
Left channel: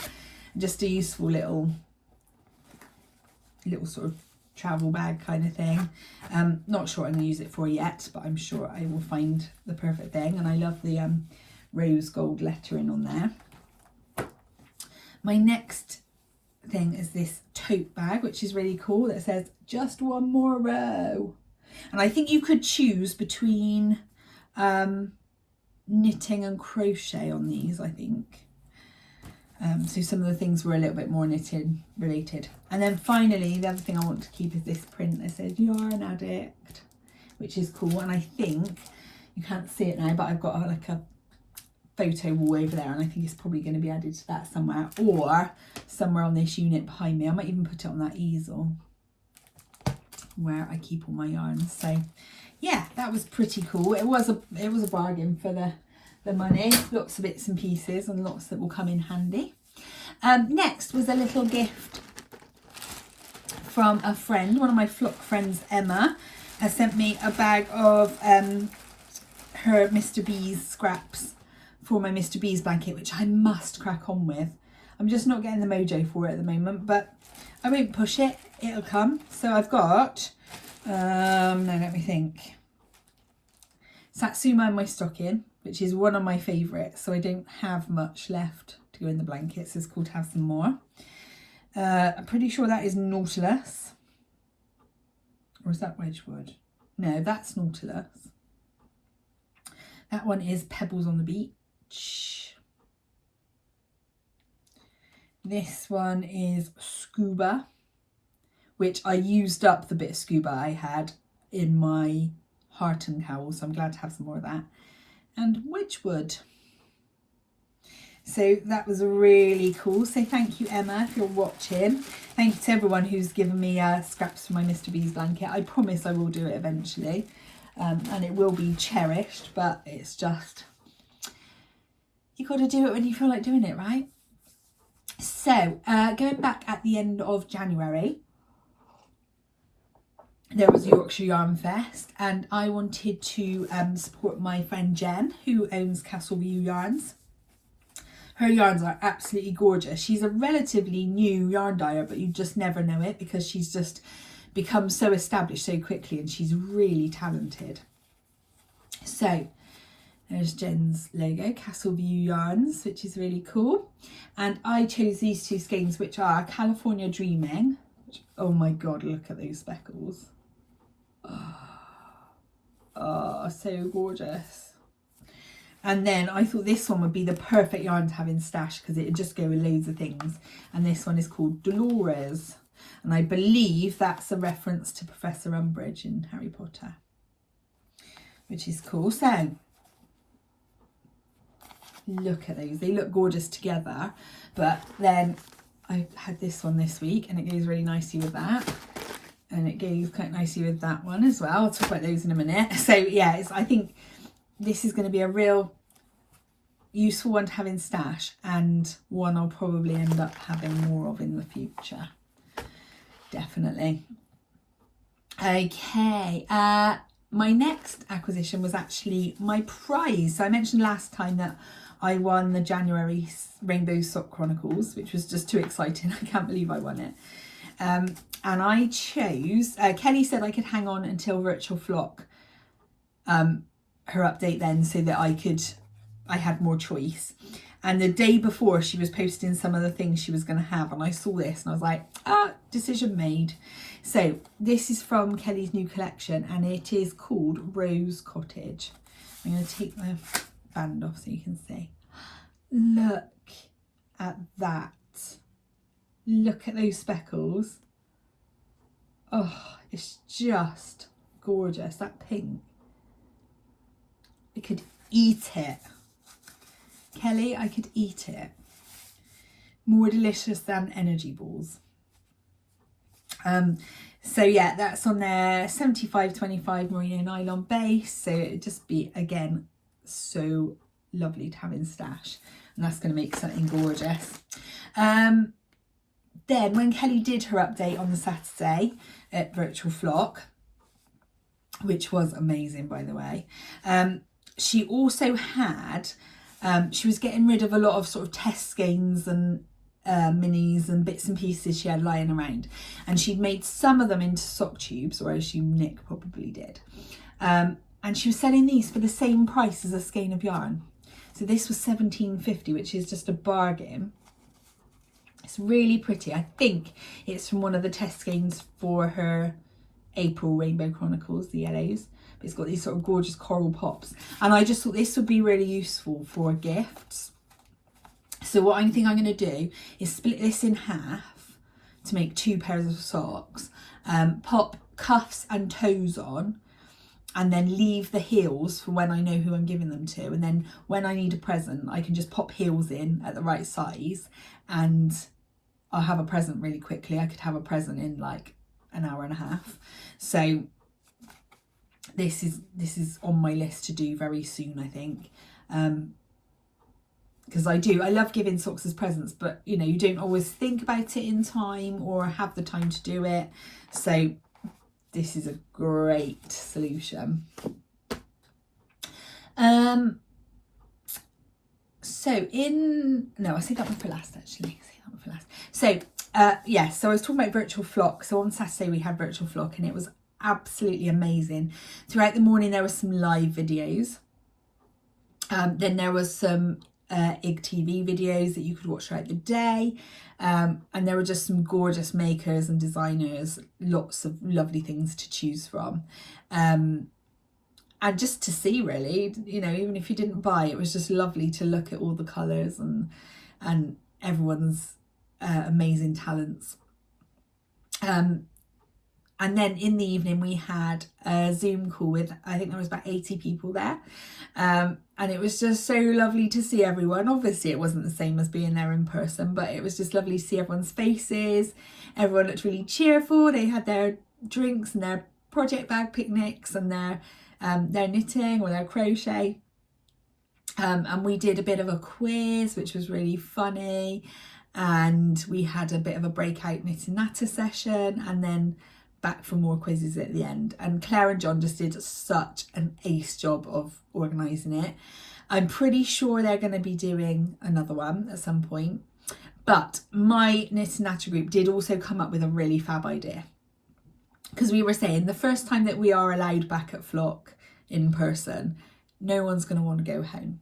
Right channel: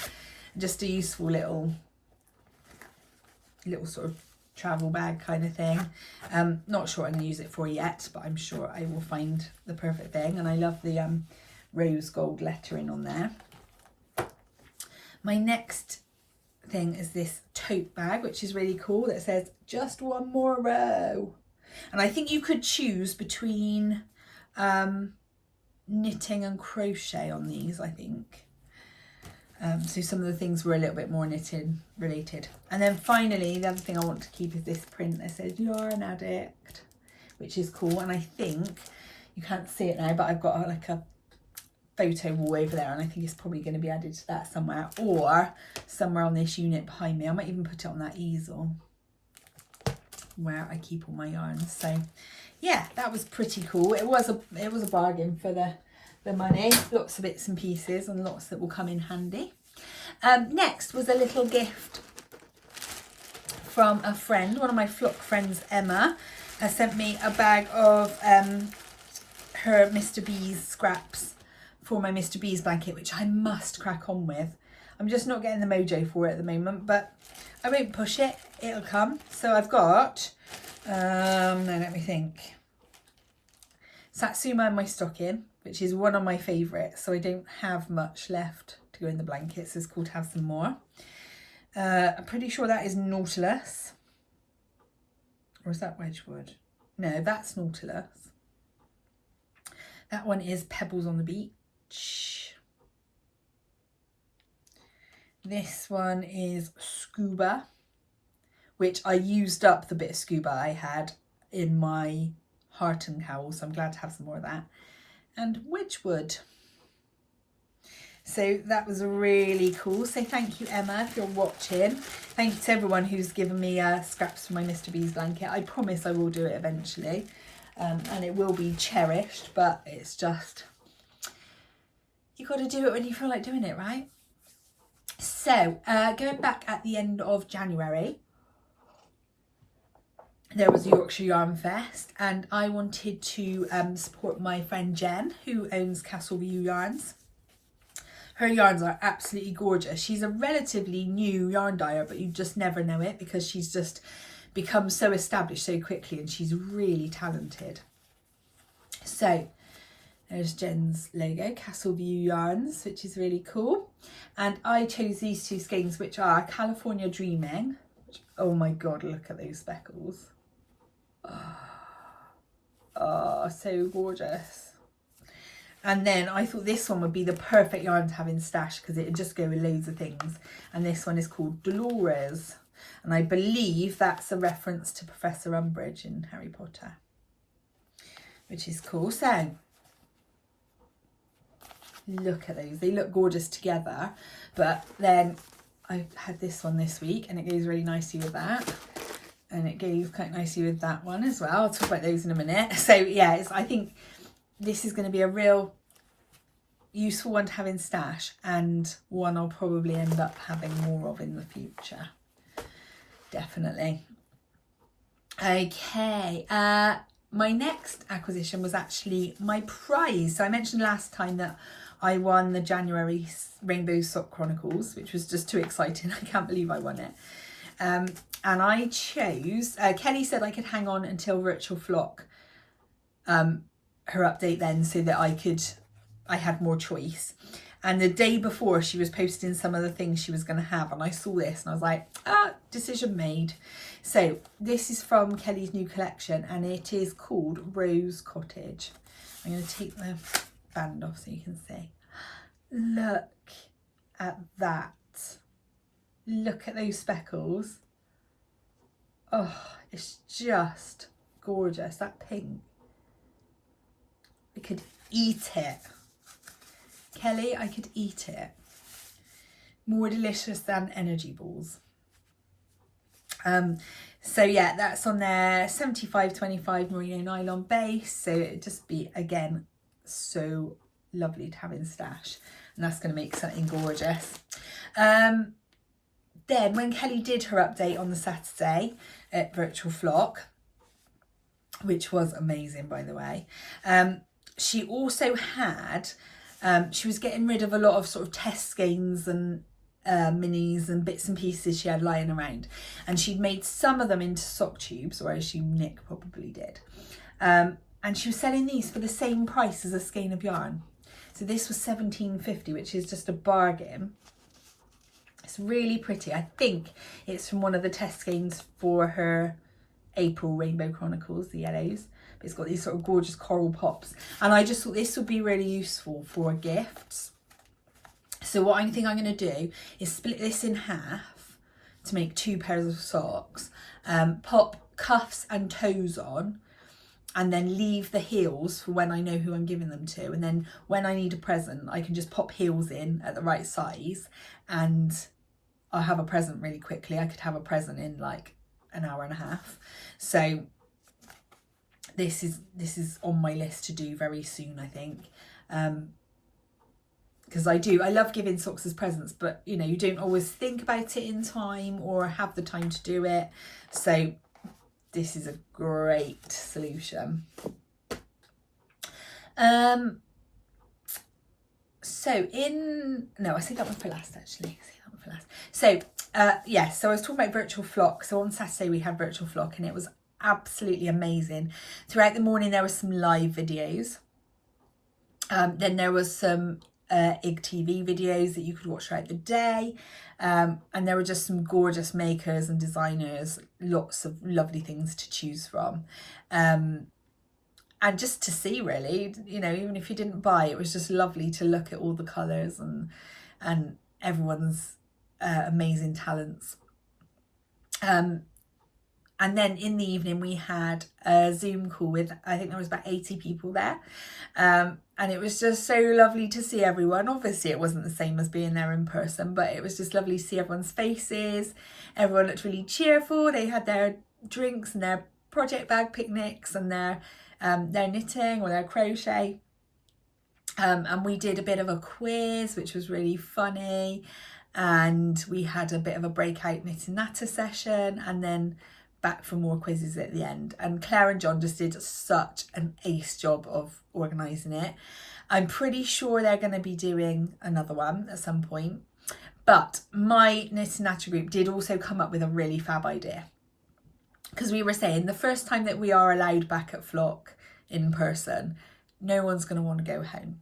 Just a useful little sort of travel bag kind of thing. Not sure what I'm going to use it for yet, but I'm sure I will find the perfect thing. And I love the rose gold lettering on there. My next thing is this tote bag, which is really cool, that says "just one more row." And I think you could choose between knitting and crochet on these, I think. So some of the things were a little bit more knitting related. And then finally, the other thing I want to keep is this print that says "Yarn Addict," which is cool. And I think, you can't see it now, but I've got like a photo wall over there, and I think it's probably going to be added to that somewhere, or somewhere on this unit behind me. I might even put it on that easel where I keep all my yarns. So yeah, that was pretty cool. It was a bargain for the money. Lots of bits and pieces, and lots that will come in handy. Next was a little gift from a friend. One of my flock friends, Emma, has sent me a bag of her Mr. B's scraps for my Mr. B's blanket, which I must crack on with. I'm just not getting the mojo for it at the moment, but I won't push it, it'll come. So I've got, now let me think, Satsuma in my stocking, which is one of my favourites, so I don't have much left to go in the blankets. It's cool to have some more. I'm pretty sure that is Nautilus. Or is that Wedgwood? No, that's Nautilus. That one is Pebbles on the Beach. This one is Scuba, which I used up the bit of Scuba I had in my Hearten cowl, so I'm glad to have some more of that. And Wedgwood. So that was really cool. So thank you, Emma, if you're watching. Thank you to everyone who's given me scraps for my Mr. B's blanket. I promise I will do it eventually. And it will be cherished, but it's just, you got to do it when you feel like doing it, right? So going back at the end of January, there was Yorkshire Yarn Fest, and I wanted to support my friend Jen, who owns Castle View Yarns. Her yarns are absolutely gorgeous. She's a relatively new yarn dyer, but you just never know it because she's just become so established so quickly, and she's really talented. So there's Jen's logo, Castle View Yarns, which is really cool. And I chose these two skeins, which are California Dreaming. Which, oh my God, look at those speckles. Oh, so gorgeous. And then I thought this one would be the perfect yarn to have in stash because it would just go with loads of things. And this one is called Dolores. And I believe that's a reference to Professor Umbridge in Harry Potter, which is cool. So look at those. They look gorgeous together. But then I had this one this week and it goes really nicely with that. And it goes quite nicely with that one as well. I'll talk about those in a minute. So yeah, I think this is going to be a real useful one to have in stash, and one I'll probably end up having more of in the future. Definitely. Okay, my next acquisition was actually my prize. So I mentioned last time that I won the January Rainbow Sock Chronicles, which was just too exciting. I can't believe I won it. And I chose, Kelly said I could hang on until Virtual Flock, her update then, so that I had more choice. And the day before, she was posting some of the things she was going to have, and I saw this and I was like, decision made. So this is from Kelly's new collection, and it is called Rose Cottage. I'm going to take the band off so you can see. Look at that. Look at those speckles. Oh, it's just gorgeous. That pink. I could eat it. Kelly, I could eat it. More delicious than energy balls. So yeah, that's on their 75/25 merino nylon base. So it'd just be, again, so lovely to have in stash. And that's going to make something gorgeous. Then when Kelly did her update on the Saturday at Virtual Flock, which was amazing, by the way, she also had, she was getting rid of a lot of sort of test skeins and minis and bits and pieces she had lying around, and she'd made some of them into sock tubes, or I assume Nick probably did, and she was selling these for the same price as a skein of yarn. So this was £17.50, which is just a bargain. It's really pretty. I think it's from one of the test skeins for her April Rainbow Chronicles, the yellows. But it's got these sort of gorgeous coral pops, and I just thought this would be really useful for gifts. So what I think I'm going to do is split this in half to make 2 pairs of socks, pop cuffs and toes on, and then leave the heels for when I know who I'm giving them to. And then when I need a present, I can just pop heels in at the right size, and I'll have a present really quickly. I could have a present in like an hour and a half. So this is on my list to do very soon, I think. Because I love giving socks as presents, but you know, you don't always think about it in time or have the time to do it. So this is a great solution. I saved that one for last actually. for last. So yeah, so I was talking about virtual flock. So on Saturday we had virtual flock and it was absolutely amazing. Throughout the morning there were some live videos. Then there was some IGTV videos that you could watch throughout the day. And there were just some gorgeous makers and designers, lots of lovely things to choose from. And just to see, really, you know, even if you didn't buy, it was just lovely to look at all the colours and everyone's amazing talents. And then in the evening we had a Zoom call with, I think there was about 80 people there. And it was just so lovely to see everyone. Obviously it wasn't the same as being there in person, but it was just lovely to see everyone's faces. Everyone looked really cheerful. They had their drinks and their project bag picnics and their knitting or their crochet. And we did a bit of a quiz, which was really funny. And we had a bit of a breakout knit and natter session, and then back for more quizzes at the end. And Claire and John just did such an ace job of organising it. I'm pretty sure they're going to be doing another one at some point. But my knit and natter group did also come up with a really fab idea. Because we were saying the first time that we are allowed back at Flock in person, no one's going to want to go home.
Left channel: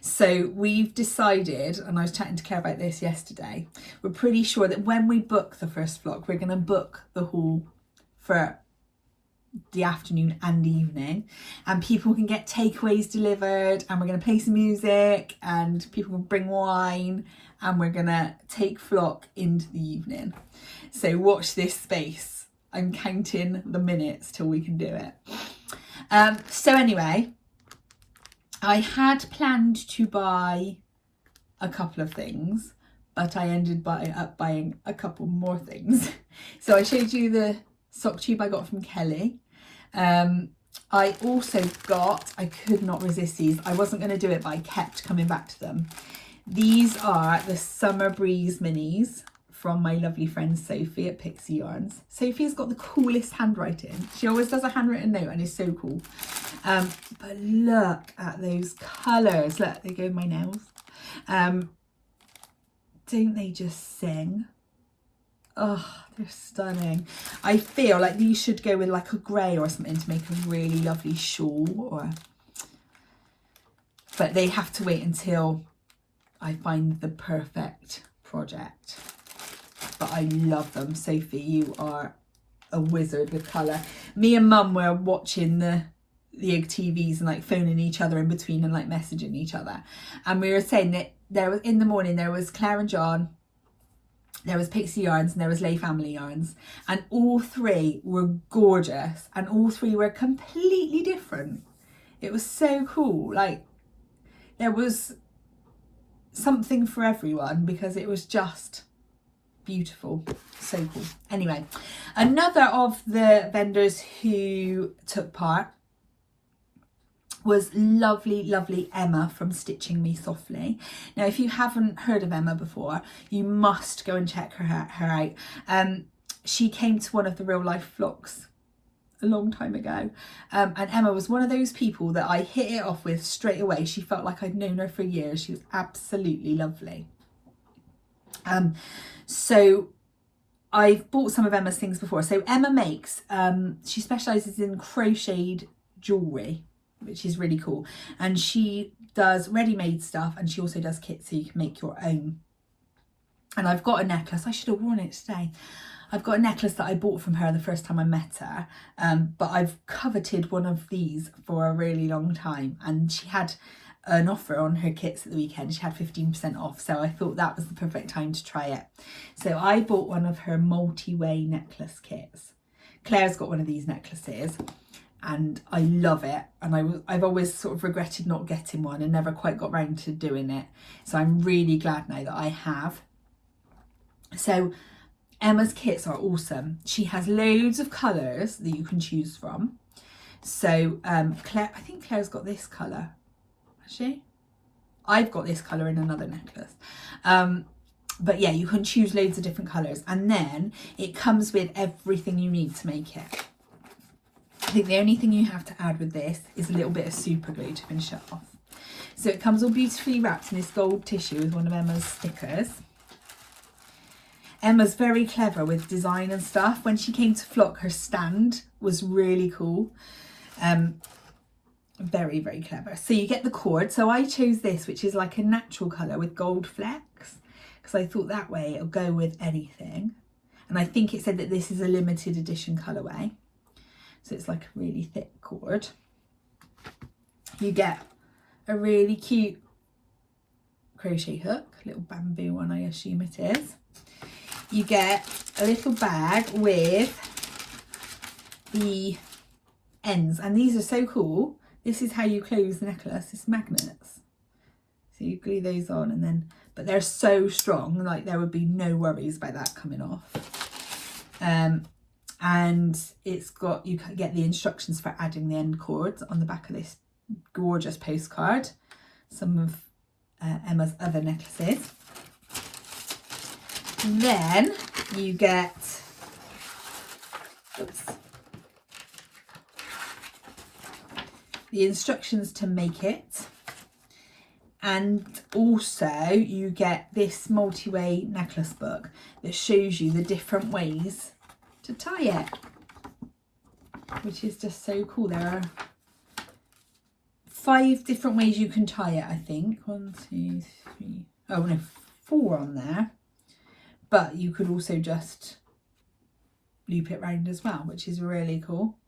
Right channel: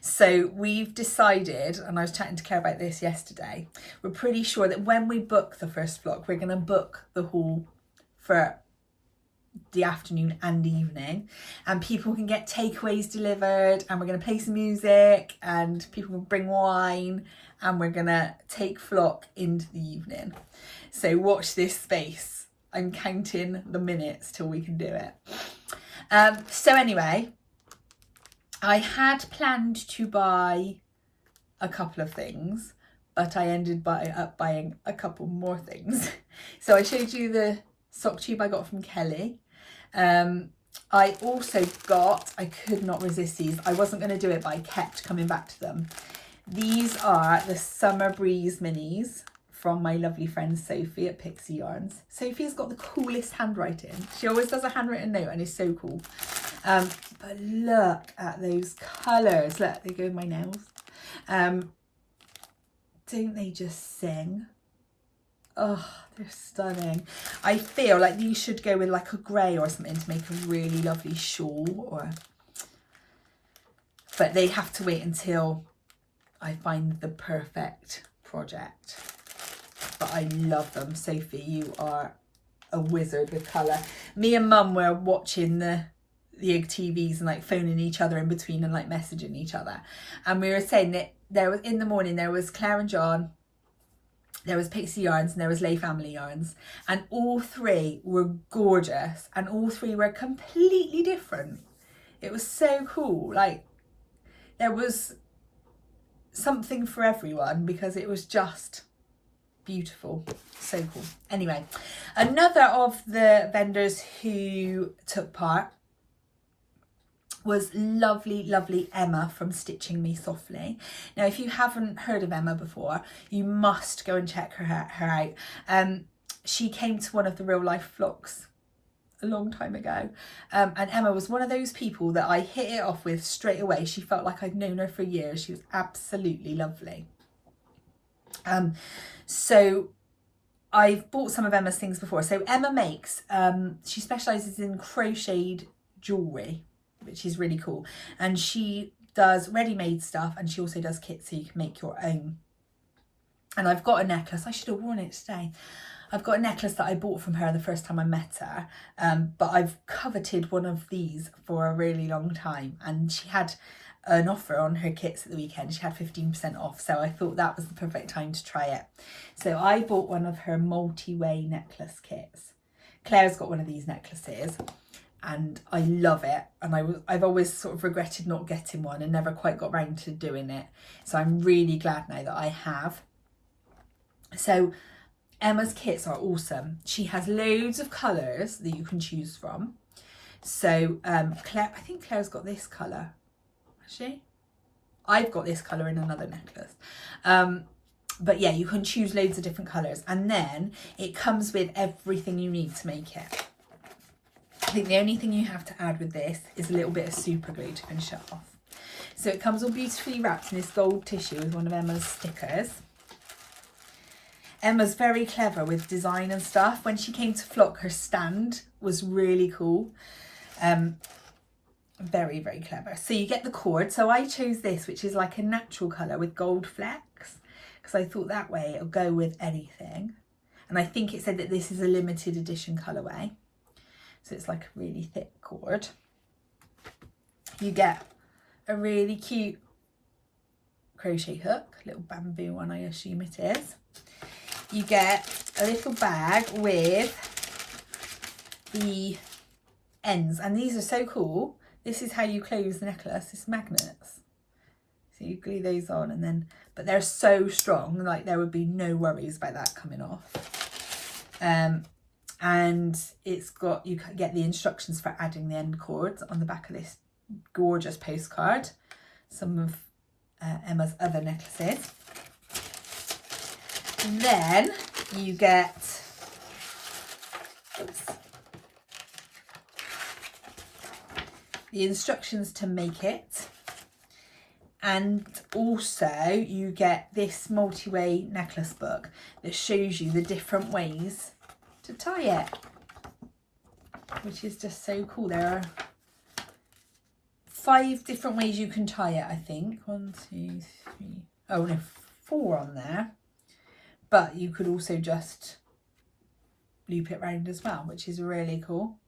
So we've decided, and I was chatting to Claire about this yesterday, we're pretty sure that when we book the first Flock, we're going to book the hall for the afternoon and evening, and people can get takeaways delivered, and we're going to play some music and people will bring wine, and we're going to take Flock into the evening. So watch this space. I'm counting the minutes till we can do it. So anyway, I had planned to buy a couple of things, but I ended up buying a couple more things. So I showed you the sock tube I got from Kelly. I also got, I could not resist these. I wasn't going to do it, but I kept coming back to them. These are the Summer Breeze minis from my lovely friend Sophie at Pixie Yarns. Sophie's got the coolest handwriting. She always does a handwritten note and it's so cool. But look at those colours. Look, they go with my nails. Don't they just sing? Oh, they're stunning. I feel like these should go with like a grey or something to make a really lovely shawl, but they have to wait until I find the perfect project. But I love them. Sophie, you are a wizard with colour. Me and Mum were watching the IGTVs and like phoning each other in between and like messaging each other. And we were saying that there was, in the morning, there was Claire and John, there was Pixie Yarns, and there was Lay Family Yarns. And all three were gorgeous and all three were completely different. It was so cool. Like there was something for everyone because it was just beautiful. So cool. Anyway, another of the vendors who took part was lovely Emma from Stitching Me Softly. Now, if you haven't heard of Emma before, you must go and check her out. She came to one of the real life flocks a long time ago, and Emma was one of those people that I hit it off with straight away. She felt like I'd known her for years. She was absolutely lovely. So I've bought some of Emma's things before. So Emma makes, she specialises in crocheted jewellery, which is really cool. And she does ready-made stuff, and she also does kits so you can make your own. And I've got a necklace. I should have worn it today. I've got a necklace that I bought from her the first time I met her, but I've coveted one of these for a really long time, and she had an offer on her kits at the weekend. She had 15% off, so I thought that was the perfect time to try it. So I bought one of her multi-way necklace kits. Claire's got one of these necklaces and I love it, and I've always sort of regretted not getting one and never quite got round to doing it, so I'm really glad now that I have. So Emma's kits are awesome. She has loads of colours that you can choose from. So Claire, I think Claire's got this colour. Has she? I've got this colour in another necklace. But yeah, you can choose loads of different colours, and then it comes with everything you need to make it. I think the only thing you have to add with this is a little bit of super glue to finish it off. So it comes all beautifully wrapped in this gold tissue with one of Emma's stickers. Emma's very clever with design and stuff. When she came to flock, her stand was really cool. Very, very clever. So you get the cord. So I chose this, which is like a natural colour with gold flecks, because I thought that way it'll go with anything. And I think it said that this is a limited edition colourway. So it's like a really thick cord. You get a really cute crochet hook, little bamboo one, I assume it is. You get a little bag with the ends, and these are so cool. This is how you close the necklace. It's magnets. So you glue those on, and then, but they're so strong, like there would be no worries about that coming off. And it's got, you can get the instructions for adding the end cords on the back of this gorgeous postcard. Some of Emma's other necklaces. Then you get, the instructions to make it, and also you get this multi-way necklace book that shows you the different ways to tie it, which is just so cool. There are 5 different ways you can tie it, I think. 1, 2, 3, oh no, 4 on there, but you could also just loop it round as well, which is really cool.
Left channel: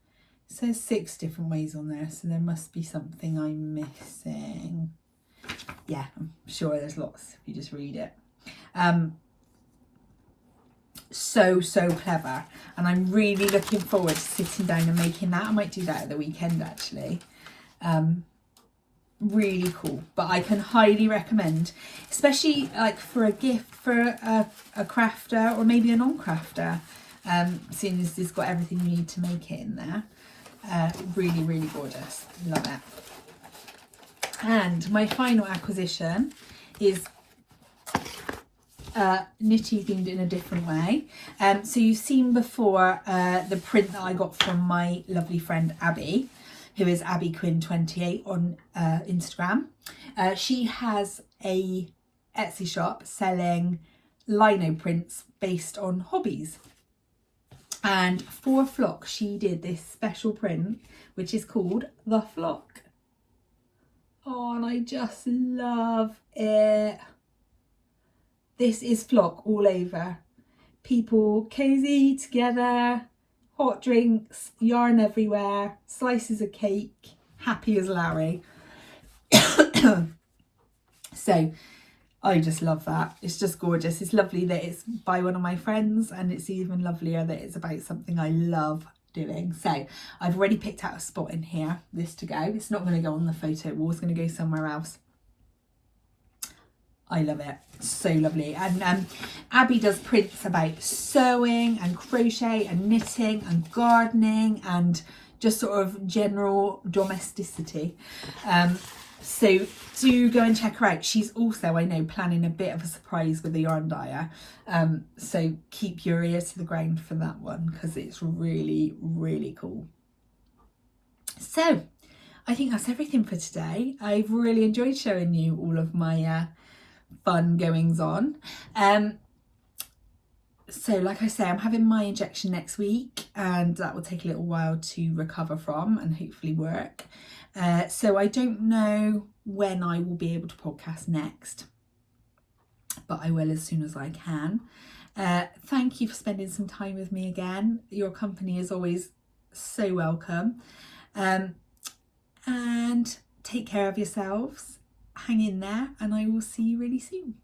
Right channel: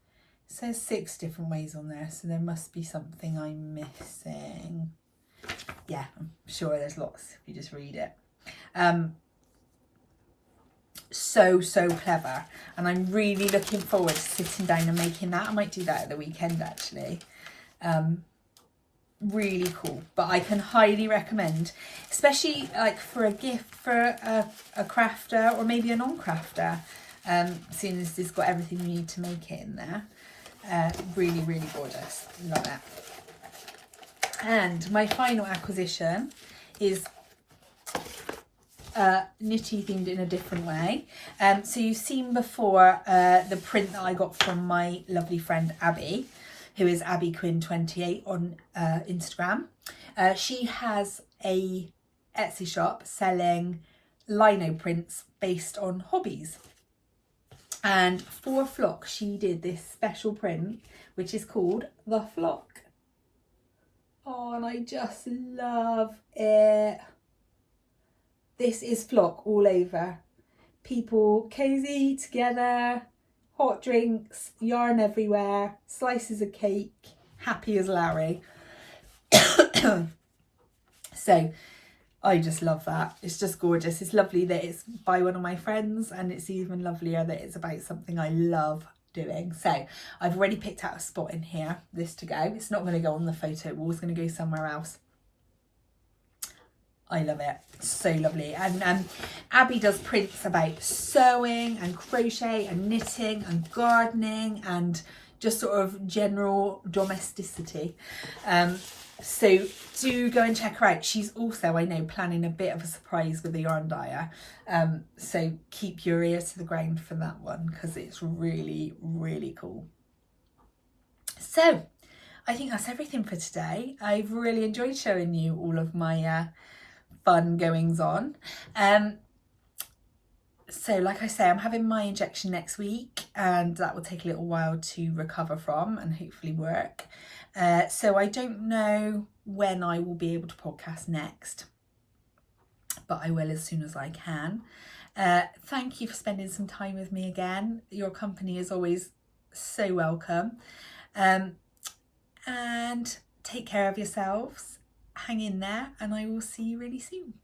It says 6 different ways on there, so there must be something I'm missing. Yeah, I'm sure there's lots if you just read it. So clever, and I'm really looking forward to sitting down and making that. I might do that at the weekend actually. Really cool, but I can highly recommend, especially like for a gift for a crafter or maybe a non-crafter, seeing as it's got everything you need to make it in there. Really gorgeous, love it. And my final acquisition is knitty themed in a different way. So you've seen before the print that I got from my lovely friend Abby, who is AbbyQuinn28 on Instagram. She has a Etsy shop selling lino prints based on hobbies. And for Flock, she did this special print, which is called The Flock. Oh, and I just love it. This is Flock all over. People cozy together, hot drinks, yarn everywhere, slices of cake, happy as Larry. So I just love that. It's just gorgeous. It's lovely that it's by one of my friends, and it's even lovelier that it's about something I love doing. So I've already picked out a spot in here, this to go. It's not going to go on the photo wall, it's going to go somewhere else. I love it. So lovely. And Abby does prints about sewing and crochet and knitting and gardening and just sort of general domesticity. So do go and check her out. She's also, I know, planning a bit of a surprise with the yarn dyer. So keep your ear to the ground for that one, because it's really cool. So I think that's everything for today. I've really enjoyed showing you all of my fun goings on. So like I say, I'm having my injection next week, and that will take a little while to recover from and hopefully work. So I don't know when I will be able to podcast next, but I will as soon as I can. Thank you for spending some time with me again. Your company is always so welcome. And take care of yourselves. Hang in there, and I will see you really soon.